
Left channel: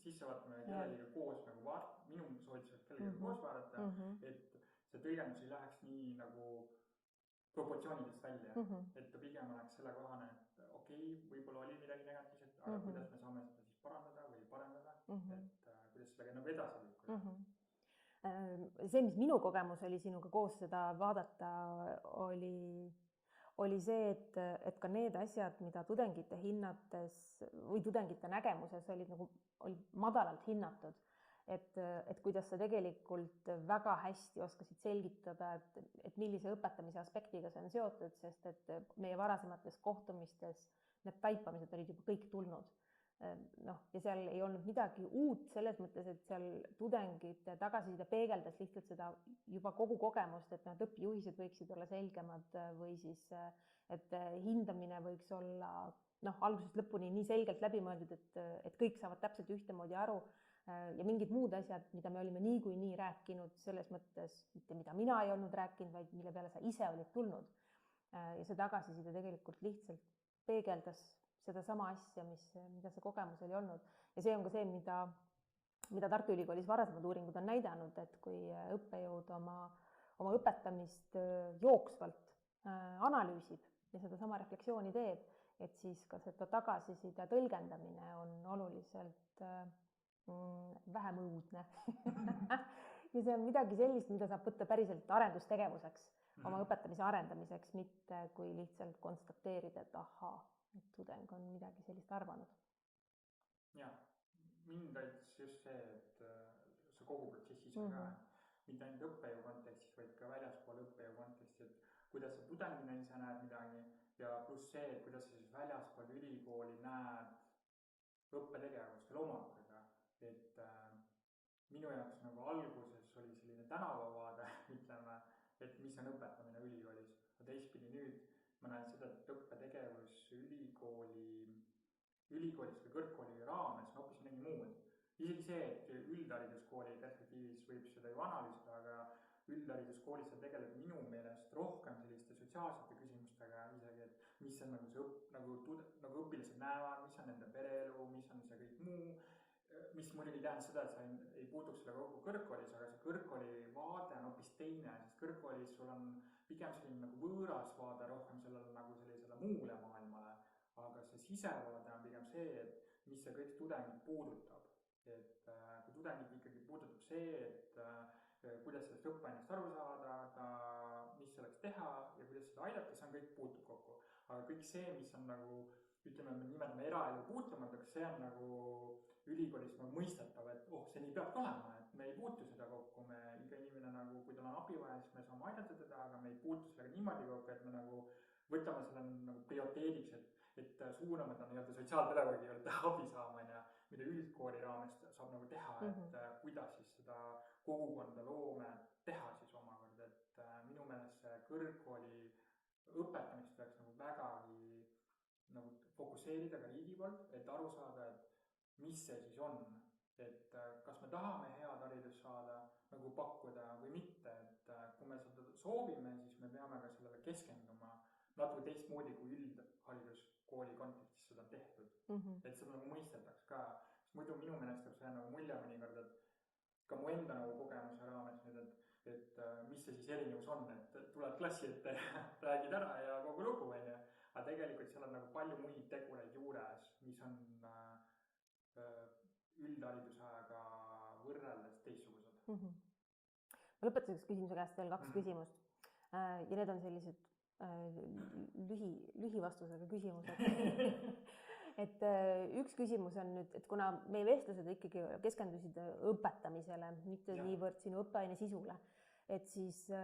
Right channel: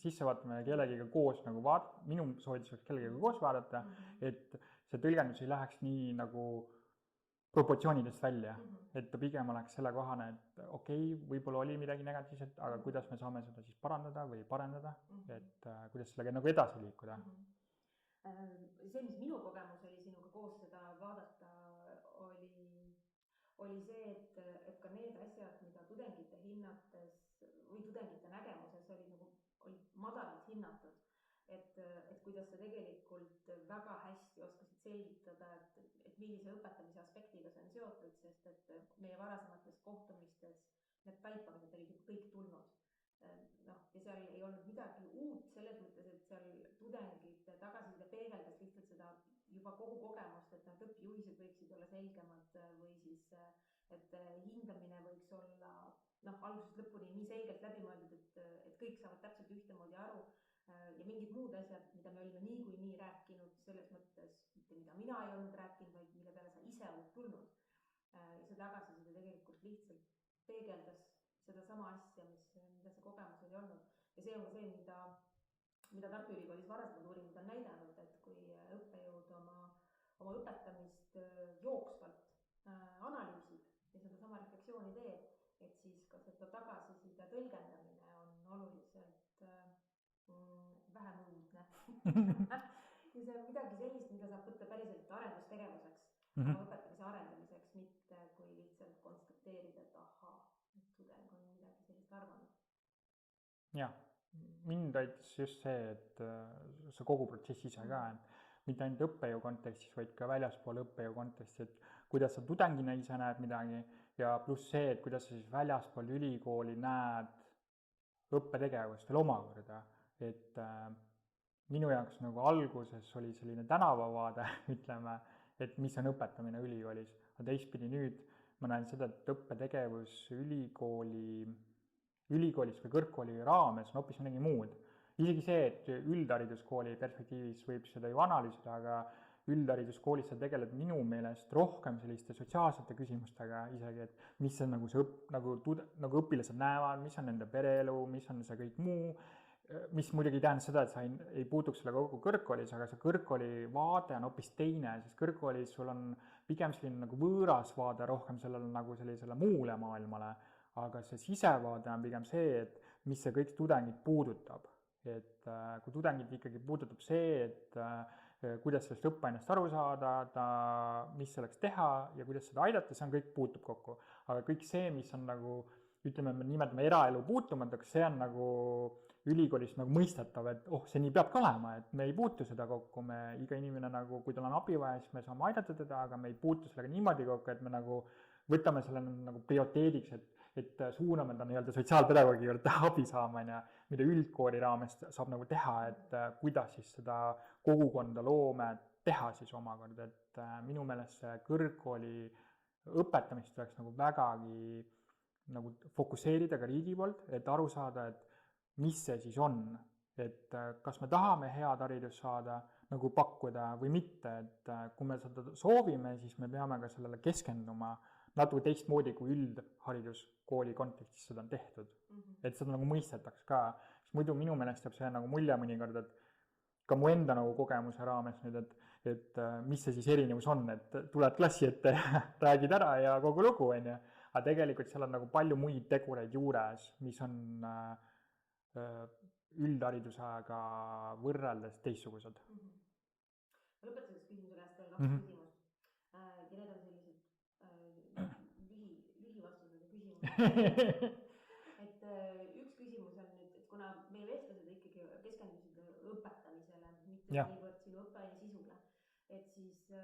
sisse vaatama ja kellegiga koos nagu minu soovitus oleks kellegiga koos vaadata, et see tõlgendus ei läheks nii nagu proportsioonidest välja, et ta pigem oleks selle kohane, et okei, võib-olla oli midagi negatiivset, aga kuidas me saame seda siis parandada või parendada, et kuidas sellega nagu edasi liikuda. See, mis minu kogemus oli sinuga koos seda vaadata, oli see, et ka need asjad, mida tudengite hinnates või tudengite nägemuses olid madalalt hinnatud, et kuidas sa tegelikult väga hästi oskasid selgitada, et millise õpetamise aspektiga see on seotud, sest et meie varasemates kohtumistes need taipamised olid juba kõik tulnud. Ja seal ei olnud midagi uut selles mõttes, et seal tudengite tagasiside peegeldas lihtsalt seda juba kogu kogemust, et need õpijuhised võiksid olla selgemad või siis, et hindamine võiks olla algusest lõpuni nii selgelt läbimõeldud, et kõik saavad täpselt ühtemoodi aru ja mingid muud asjad, mida me olime niikuinii rääkinud selles mõttes, mitte mida mina ei olnud rääkinud, vaid mille peale sa ise olid tulnud. Ja see tagasiside tegelikult lihtsalt peegeldas seda sama asja, mida see kogemus oli olnud. Ja see on ka see, mida Tartu Ülikoolis varasemad uuringud on näidanud, et kui õppejõud oma õpetamist jooksvalt analüüsib ja seda sama refleksiooni teeb, et siis ka seda tagasiside tõlgendamine on oluliselt vähem õudne. Ja see on midagi sellist, mida saab võtta päriselt arendustegevuseks, oma õpetamise arendamiseks, mitte kui lihtsalt konstateerida, et ahaa, et tudeng on midagi sellist arvanud. Jah, mind aitas just see, et see kogu protsess ise ka, mitte ainult õppejõu kontekstis, vaid ka väljaspool õppejõu kontekstis, et kuidas sa tudengina ise näed midagi ja pluss see, et kuidas sa siis väljaspool ülikooli näed õppetegevust veel omakorda. Et minu jaoks nagu alguses oli selline tänavavaade, ütleme, et mis on õpetamine ülikoolis. Aga teistpidi nüüd ma näen seda, et õppetegevus ülikoolis või kõrgkooli raames on hoopis midagi muud. Isegi see, et üldhariduskooli perspektiivis võib seda ju analüüsida, aga üldhariduskoolis sa tegeled minu meelest rohkem selliste sotsiaalsete küsimustega isegi, et mis on nagu õpilased näevad, mis on nende pereelu, mis on see kõik muu, mis muidugi tähendab seda, et sa ei puutuks selle kogu kõrgkoolis, aga see kõrgkooli vaade on hoopis teine, sest kõrgkoolis sul on pigem selline nagu võõras vaade rohkem sellele nagu sellisele muule maailmale, aga see sisevaade on pigem see, et mis see kõik tudengid puudutab. Et kui tudengid ikkagi puudutab see, et kuidas sellest õppeainest aru saada, mis selleks teha ja kuidas seda aidata, see on kõik puutub kokku. Aga kõik see, mis on nagu, ütleme, me nimetame eraelu puutumatuks, see on nagu ülikoolis nagu mõistetav, et see nii peabki olema, et me ei puutu seda kokku, iga inimene nagu, kui tal on abi vaja, siis me saame aidata teda, aga me ei puutu sellega niimoodi kokku, et me nagu võtame selle nagu prioriteediks, et suuname ta nii-öelda sotsiaalpedagoogi juurde abi saama, mida üldkooli raames saab nagu teha, et kuidas siis seda kogukonda loome teha siis omakorda, et minu meelest see kõrgkooli õpetamist tuleks nagu vägagi nagu fokusseerida ka riigi poolt, et aru saada, et mis see siis on, et kas me tahame head haridust saada, nagu pakkuda või mitte, et kui me seda soovime, siis me peame ka sellele keskenduma natuke teistmoodi kui üldhariduskooli kontekstis seda on tehtud. Et seda nagu mõistetaks ka, sest muidu minu meelest jääb see nagu mulje mõnikord, et ka mu enda nagu kogemuse raames nüüd, et mis see siis erinevus on, et tuled klassi ette, räägid ära ja kogu lugu, aga tegelikult seal on nagu palju muid tegureid juures, mis on üldharidusega võrreldes teistsugused. Ma lõpetuseks küsimuse käest veel 2 küsimust ja need on sellised lühivastusega küsimused. Et üks küsimus on nüüd, et kuna meie vestlused ikkagi keskendusid õpetamisele, mitte niivõrd sinu õppeaine sisule, et siis ja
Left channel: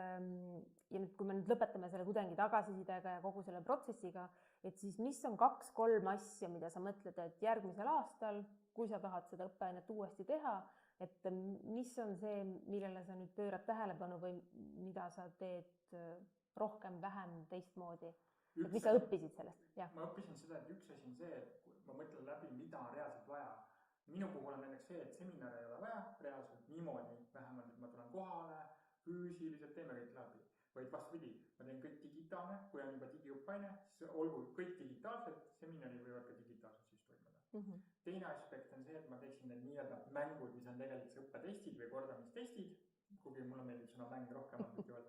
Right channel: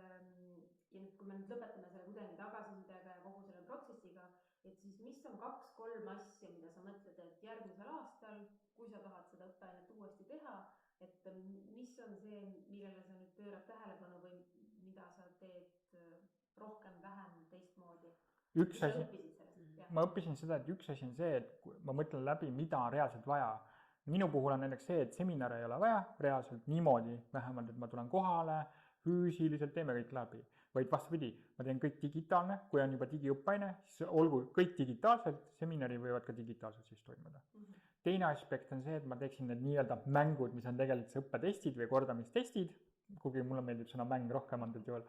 nüüd, kui me nüüd lõpetame selle tudengi tagasisidega ja kogu selle protsessiga, et siis mis on 2-3 asja, mida sa mõtled, et järgmisel aastal, kui sa tahad seda õppeainet uuesti teha, et mis on see, millele sa nüüd pöörad tähelepanu või mida sa teed rohkem, vähem, teistmoodi? Mis sa õppisid sellest? Ma õppisin seda, et üks asi on see, et ma mõtlen läbi, mida on reaalselt vaja. Minu puhul on näiteks see, et seminare ei ole vaja reaalselt niimoodi, vähemalt, et ma tulen kohale, füüsiliselt teeme kõik läbi. Vaid vastupidi, ma teen kõik digitaalne, kui on juba digiõppaine, siis olgu kõik digitaalselt, seminari võivad ka digitaalselt siis toimuda. Teine aspekt on see, et ma teeksin need nii-öelda mängud, mis on tegelikult see õppetestid või kordamistestid, kuigi mulle meeldib sõna mäng rohkem antud juhul.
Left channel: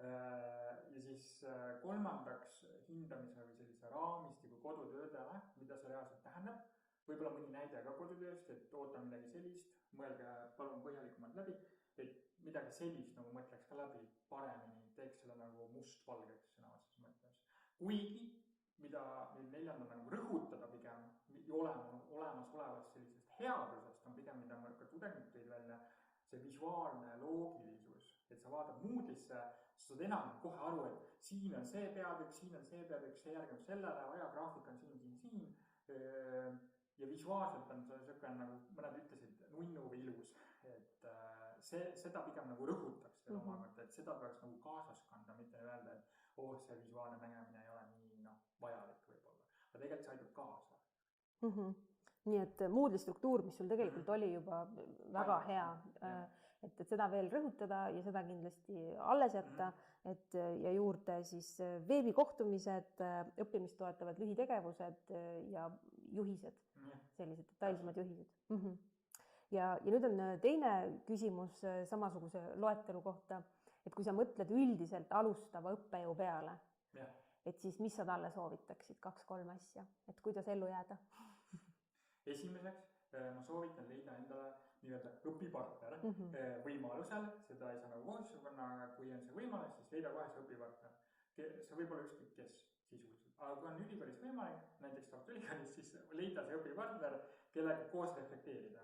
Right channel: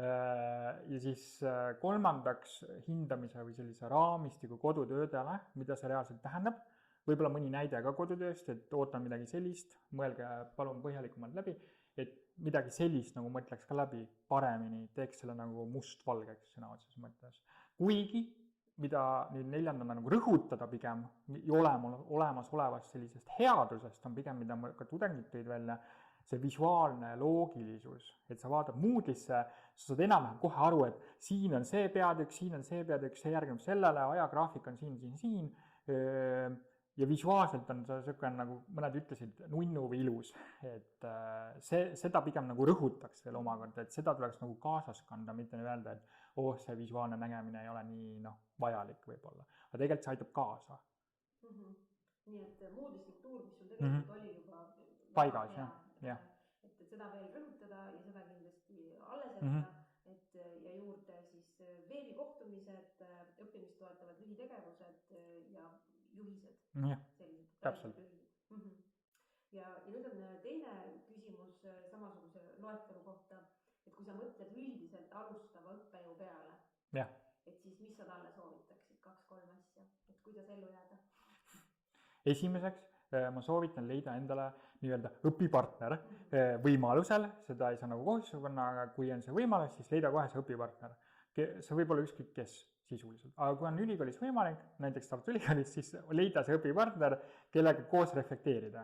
Ja siis kolmandaks hindamise või sellise raamistiku kodutöödele, mida see reaalselt tähendab. Võib-olla mõni näide ka kodutööst, et ootan midagi sellist, mõelge palun põhjalikumalt läbi, et midagi sellist nagu mõtleks ka läbi paremini, teeks selle nagu mustvalgeks sõna otseses mõttes. Kuigi, mida nüüd neljandana nagu rõhutada pigem olemasolevast sellisest headusest on pigem, mida ka tudengid tõid välja, see visuaalne loogilisus, et sa vaatad Moodle'isse, sa saad enam kohe aru, et siin on see peatükk, see järgneb sellele, ajagraafik on siin. Ja visuaalselt on see selline, nagu mõned ütlesid, nunnu või ilus, et seda pigem nagu rõhutaks veel omakorda, et seda tuleks nagu kaasas kanda, mitte öelda, et see visuaalne nägemine ei ole nii vajalik võib-olla, aga tegelikult see aitab kaasa. Nii et Moodle'i struktuur, mis sul tegelikult oli juba väga hea, et seda veel rõhutada ja seda kindlasti alles jätta, ja juurde siis veebikohtumised, õppimist toetavad lühitegevused ja juhised, sellised detailsemad juhised. Ja nüüd on teine küsimus samasuguse loetelu kohta, et kui sa mõtled üldiselt alustava õppejõu peale, et siis mis sa talle soovitaksid 2-3 asja, et kuidas ellu jääda? Esimeseks ma soovitan leida endale nii-öelda õpipartner võimalusel, seda ei saa nagu kohustusega panna, aga kui on see võimalus, siis leida kohe see õpipartner. See võib olla ükskõik kes sisuliselt, aga kui on ülikoolis võimalik, näiteks Tartu Ülikoolis, siis leida see õpipartner, kellega koos reflekteerida.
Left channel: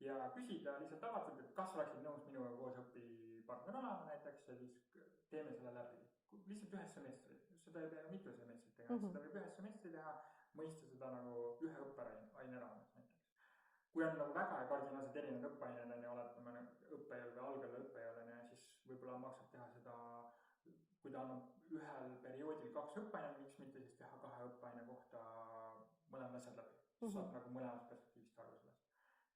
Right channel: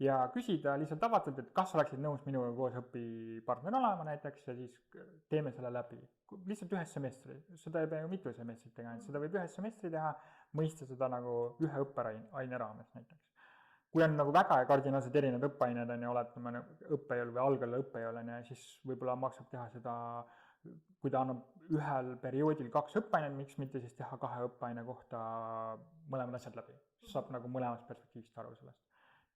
Ja küsida lihtsalt avatult, et kas oleksid nõus minuga koos õpipartner olema näiteks ja siis teeme selle läbi. Lihtsalt ühes semestri, seda ei pea ju mitu semestrit teha, seda võib ühes semestri teha, mõista seda nagu ühe õppeaine raames näiteks. Kui on nagu väga kardinaalselt erinevad õppeained on ja oletame õppejõul või algalla õppejõul on ja siis võib-olla maksab teha seda, kui ta annab ühel perioodil 2 õppeainet, miks mitte siis teha 2 õppeaine kohta mõlemad asjad läbi. Saab nagu mõlemast perspektiivist aru sellest.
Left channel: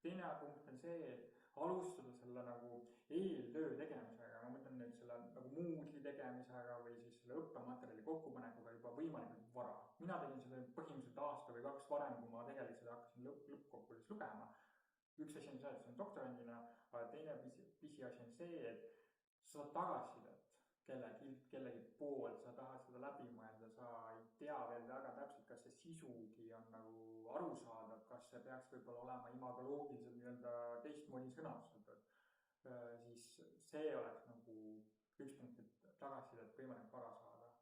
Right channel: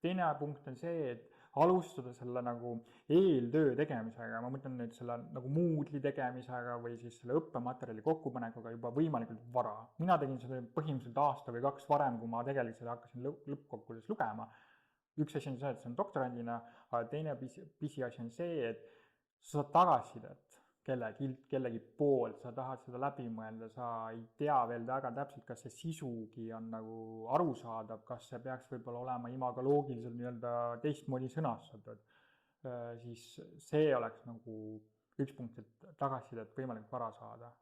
Teine punkt on see, et alustada selle nagu eeltöö tegemisega, ma mõtlen nüüd selle nagu Moodle'i tegemisega või siis selle õppematerjali kokkupanekuga juba võimalikult vara. Mina tegin seda põhimõtteliselt aasta või 2 varem, kui ma tegelikult hakkasin lõppkokkuvõttes lugema. Üks asi on see, et see on doktorandina, aga teine pisiasi on see, et sa saad tagasisidet kellegi poolt, sa tahad seda läbi mõelda, sa ei tea veel väga täpselt, kas see sisugi on nagu arusaadav, kas see peaks võib-olla olema imagoloogiliselt nii-öelda teistmoodi sõnastatud, siis see oleks nagu üks punkt, et tagasisidet võimalikult vara saada.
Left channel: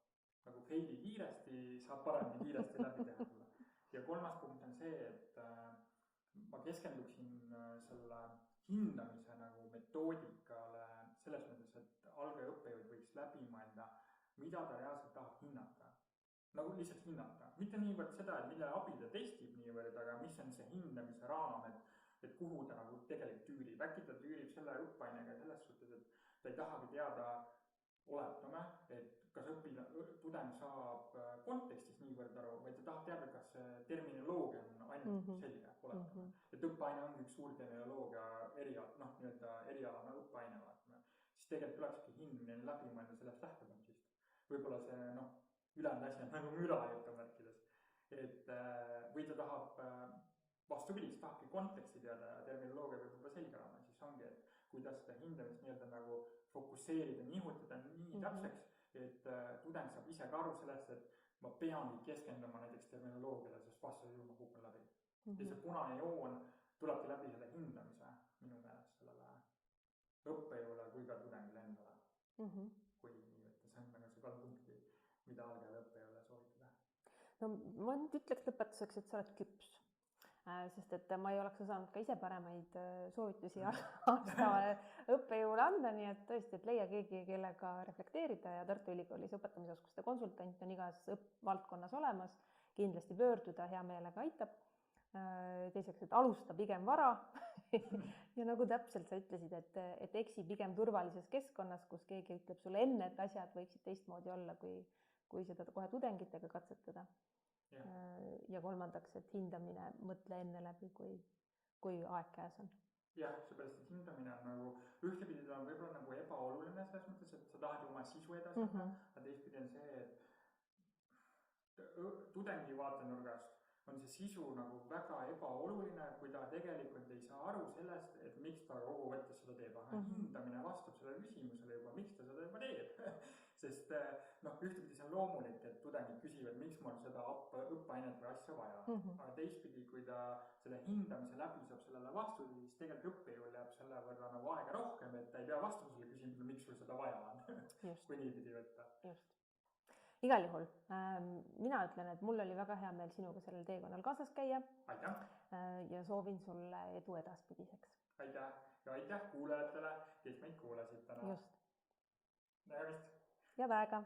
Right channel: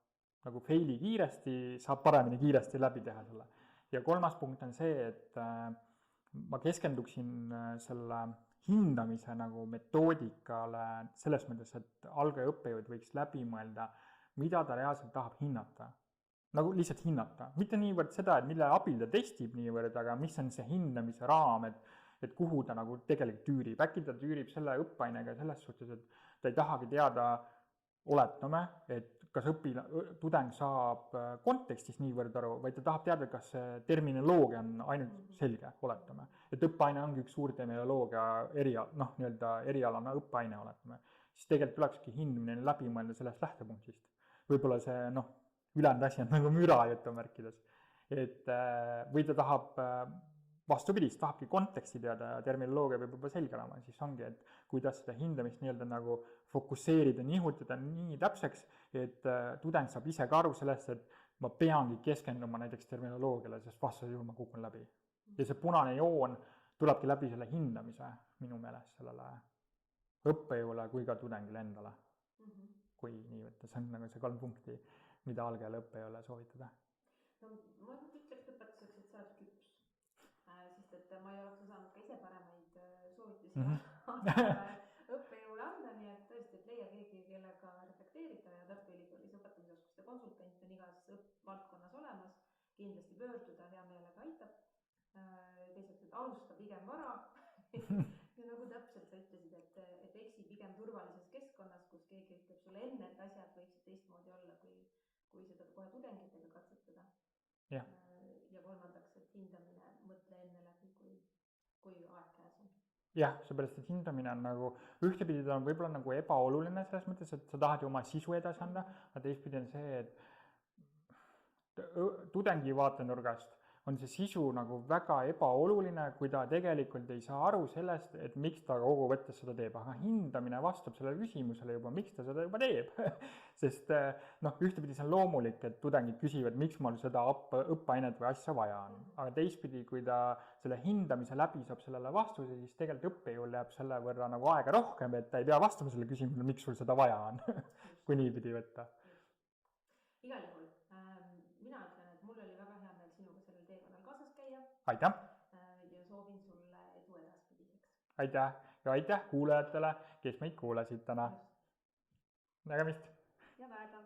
Nagu faili kiiresti, saab paremini kiiresti läbi teha selle. Ja kolmas punkt on see, et ma keskenduksin selle hindamise nagu metoodikale selles mõttes, et algaja õppejõud võiks läbi mõelda, mida ta reaalselt tahab hinnata. Nagu lihtsalt hinnata. Mitte niivõrd seda, et mille abil ta testib niivõrd, aga mis on see hindamise raam, et kuhu ta nagu tegelikult tüürib. Äkki ta tüürib selle õppeainega selles suhtes, et ta ei tahagi teada, oletame, et kas tudeng saab kontekstis niivõrd aru, vaid ta tahab teada, kas terminoloogia on ainult selge, oletame. Et õppeaine ongi üks suur terminoloogia erialana õppeaine, oletame. Siis tegelikult tulekski hindamine läbi mõelda sellest lähtepunktist. Võib-olla see ülejäänud asi on nagu müra jutumärkides. Või ta tahab vastupidis, tahabki konteksti teada ja terminoloogia võib juba selge olema, siis ongi, et kuidas seda hindamist nii-öelda nagu fokusseerida, nihutada nii täpseks, et tudeng saab ise ka aru sellest, et ma peangi keskenduma näiteks terminoloogiale, sest vastasel juhul ma kukun läbi. Ja see punane joon tulebki läbi selle hindamise minu meelest sellele õppejõule kui ka tudengile endale. Kui nii võtta, see on nagu see 3 punkti, mida algajale õppejõule soovitada. No ma nüüd ütleks lõpetuseks, et sa oled küps. Sest et ma ei oleks osanud ka ise paremaid soovitusi õppejõule anda, nii et tõesti, et leia keegi, kellega reflekteerida ja Tartu Ülikoolis õpetamisoskuste konsultant on igas valdkonnas olemas, kindlasti pöörduda, hea meelega aitab. Teiseks, et alusta pigem vara ja nagu täpselt sa ütlesid, et eksi pigem turvalises keskkonnas, kus keegi ütleb sulle enne, et asjad võiksid teistmoodi olla, kui seda kohe tudengitega katsetada. Ja kolmandaks, et hindamine mõtle enne läbi, kui aeg käes on. jah, seepärast, et hindamine on nagu, ühtepidi ta on võib-olla nagu ebaoluline selles mõttes, et sa tahad ju oma sisu edasi anda, aga teistpidi on see, et tudengi vaatenurgast on see sisu nagu väga ebaoluline, kui ta tegelikult ei saa aru sellest, et miks ta kokkuvõttes seda teeb, aga hindamine vastab sellele küsimusele juba, miks ta seda juba teeb. Sest ühtepidi see on loomulik, et tudengid küsivad, miks mul seda õppeainet või asja vaja on. Aga teistpidi, kui ta selle hindamise läbi saab sellele vastuse, siis tegelikult õppejõul jääb selle võrra nagu aega rohkem, et ta ei pea vastama selle küsimusele, miks sul seda vaja on, kui niipidi võtta. Igal juhul, mina ütlen, et mul oli väga hea meel sinuga sellel teekonnal kaasas käia. Aitäh! Ja soovin sulle edu edaspidiseks. Aitäh ja aitäh kuulajatele, kes meid kuulasid täna. Just. Nägemist! Head aega!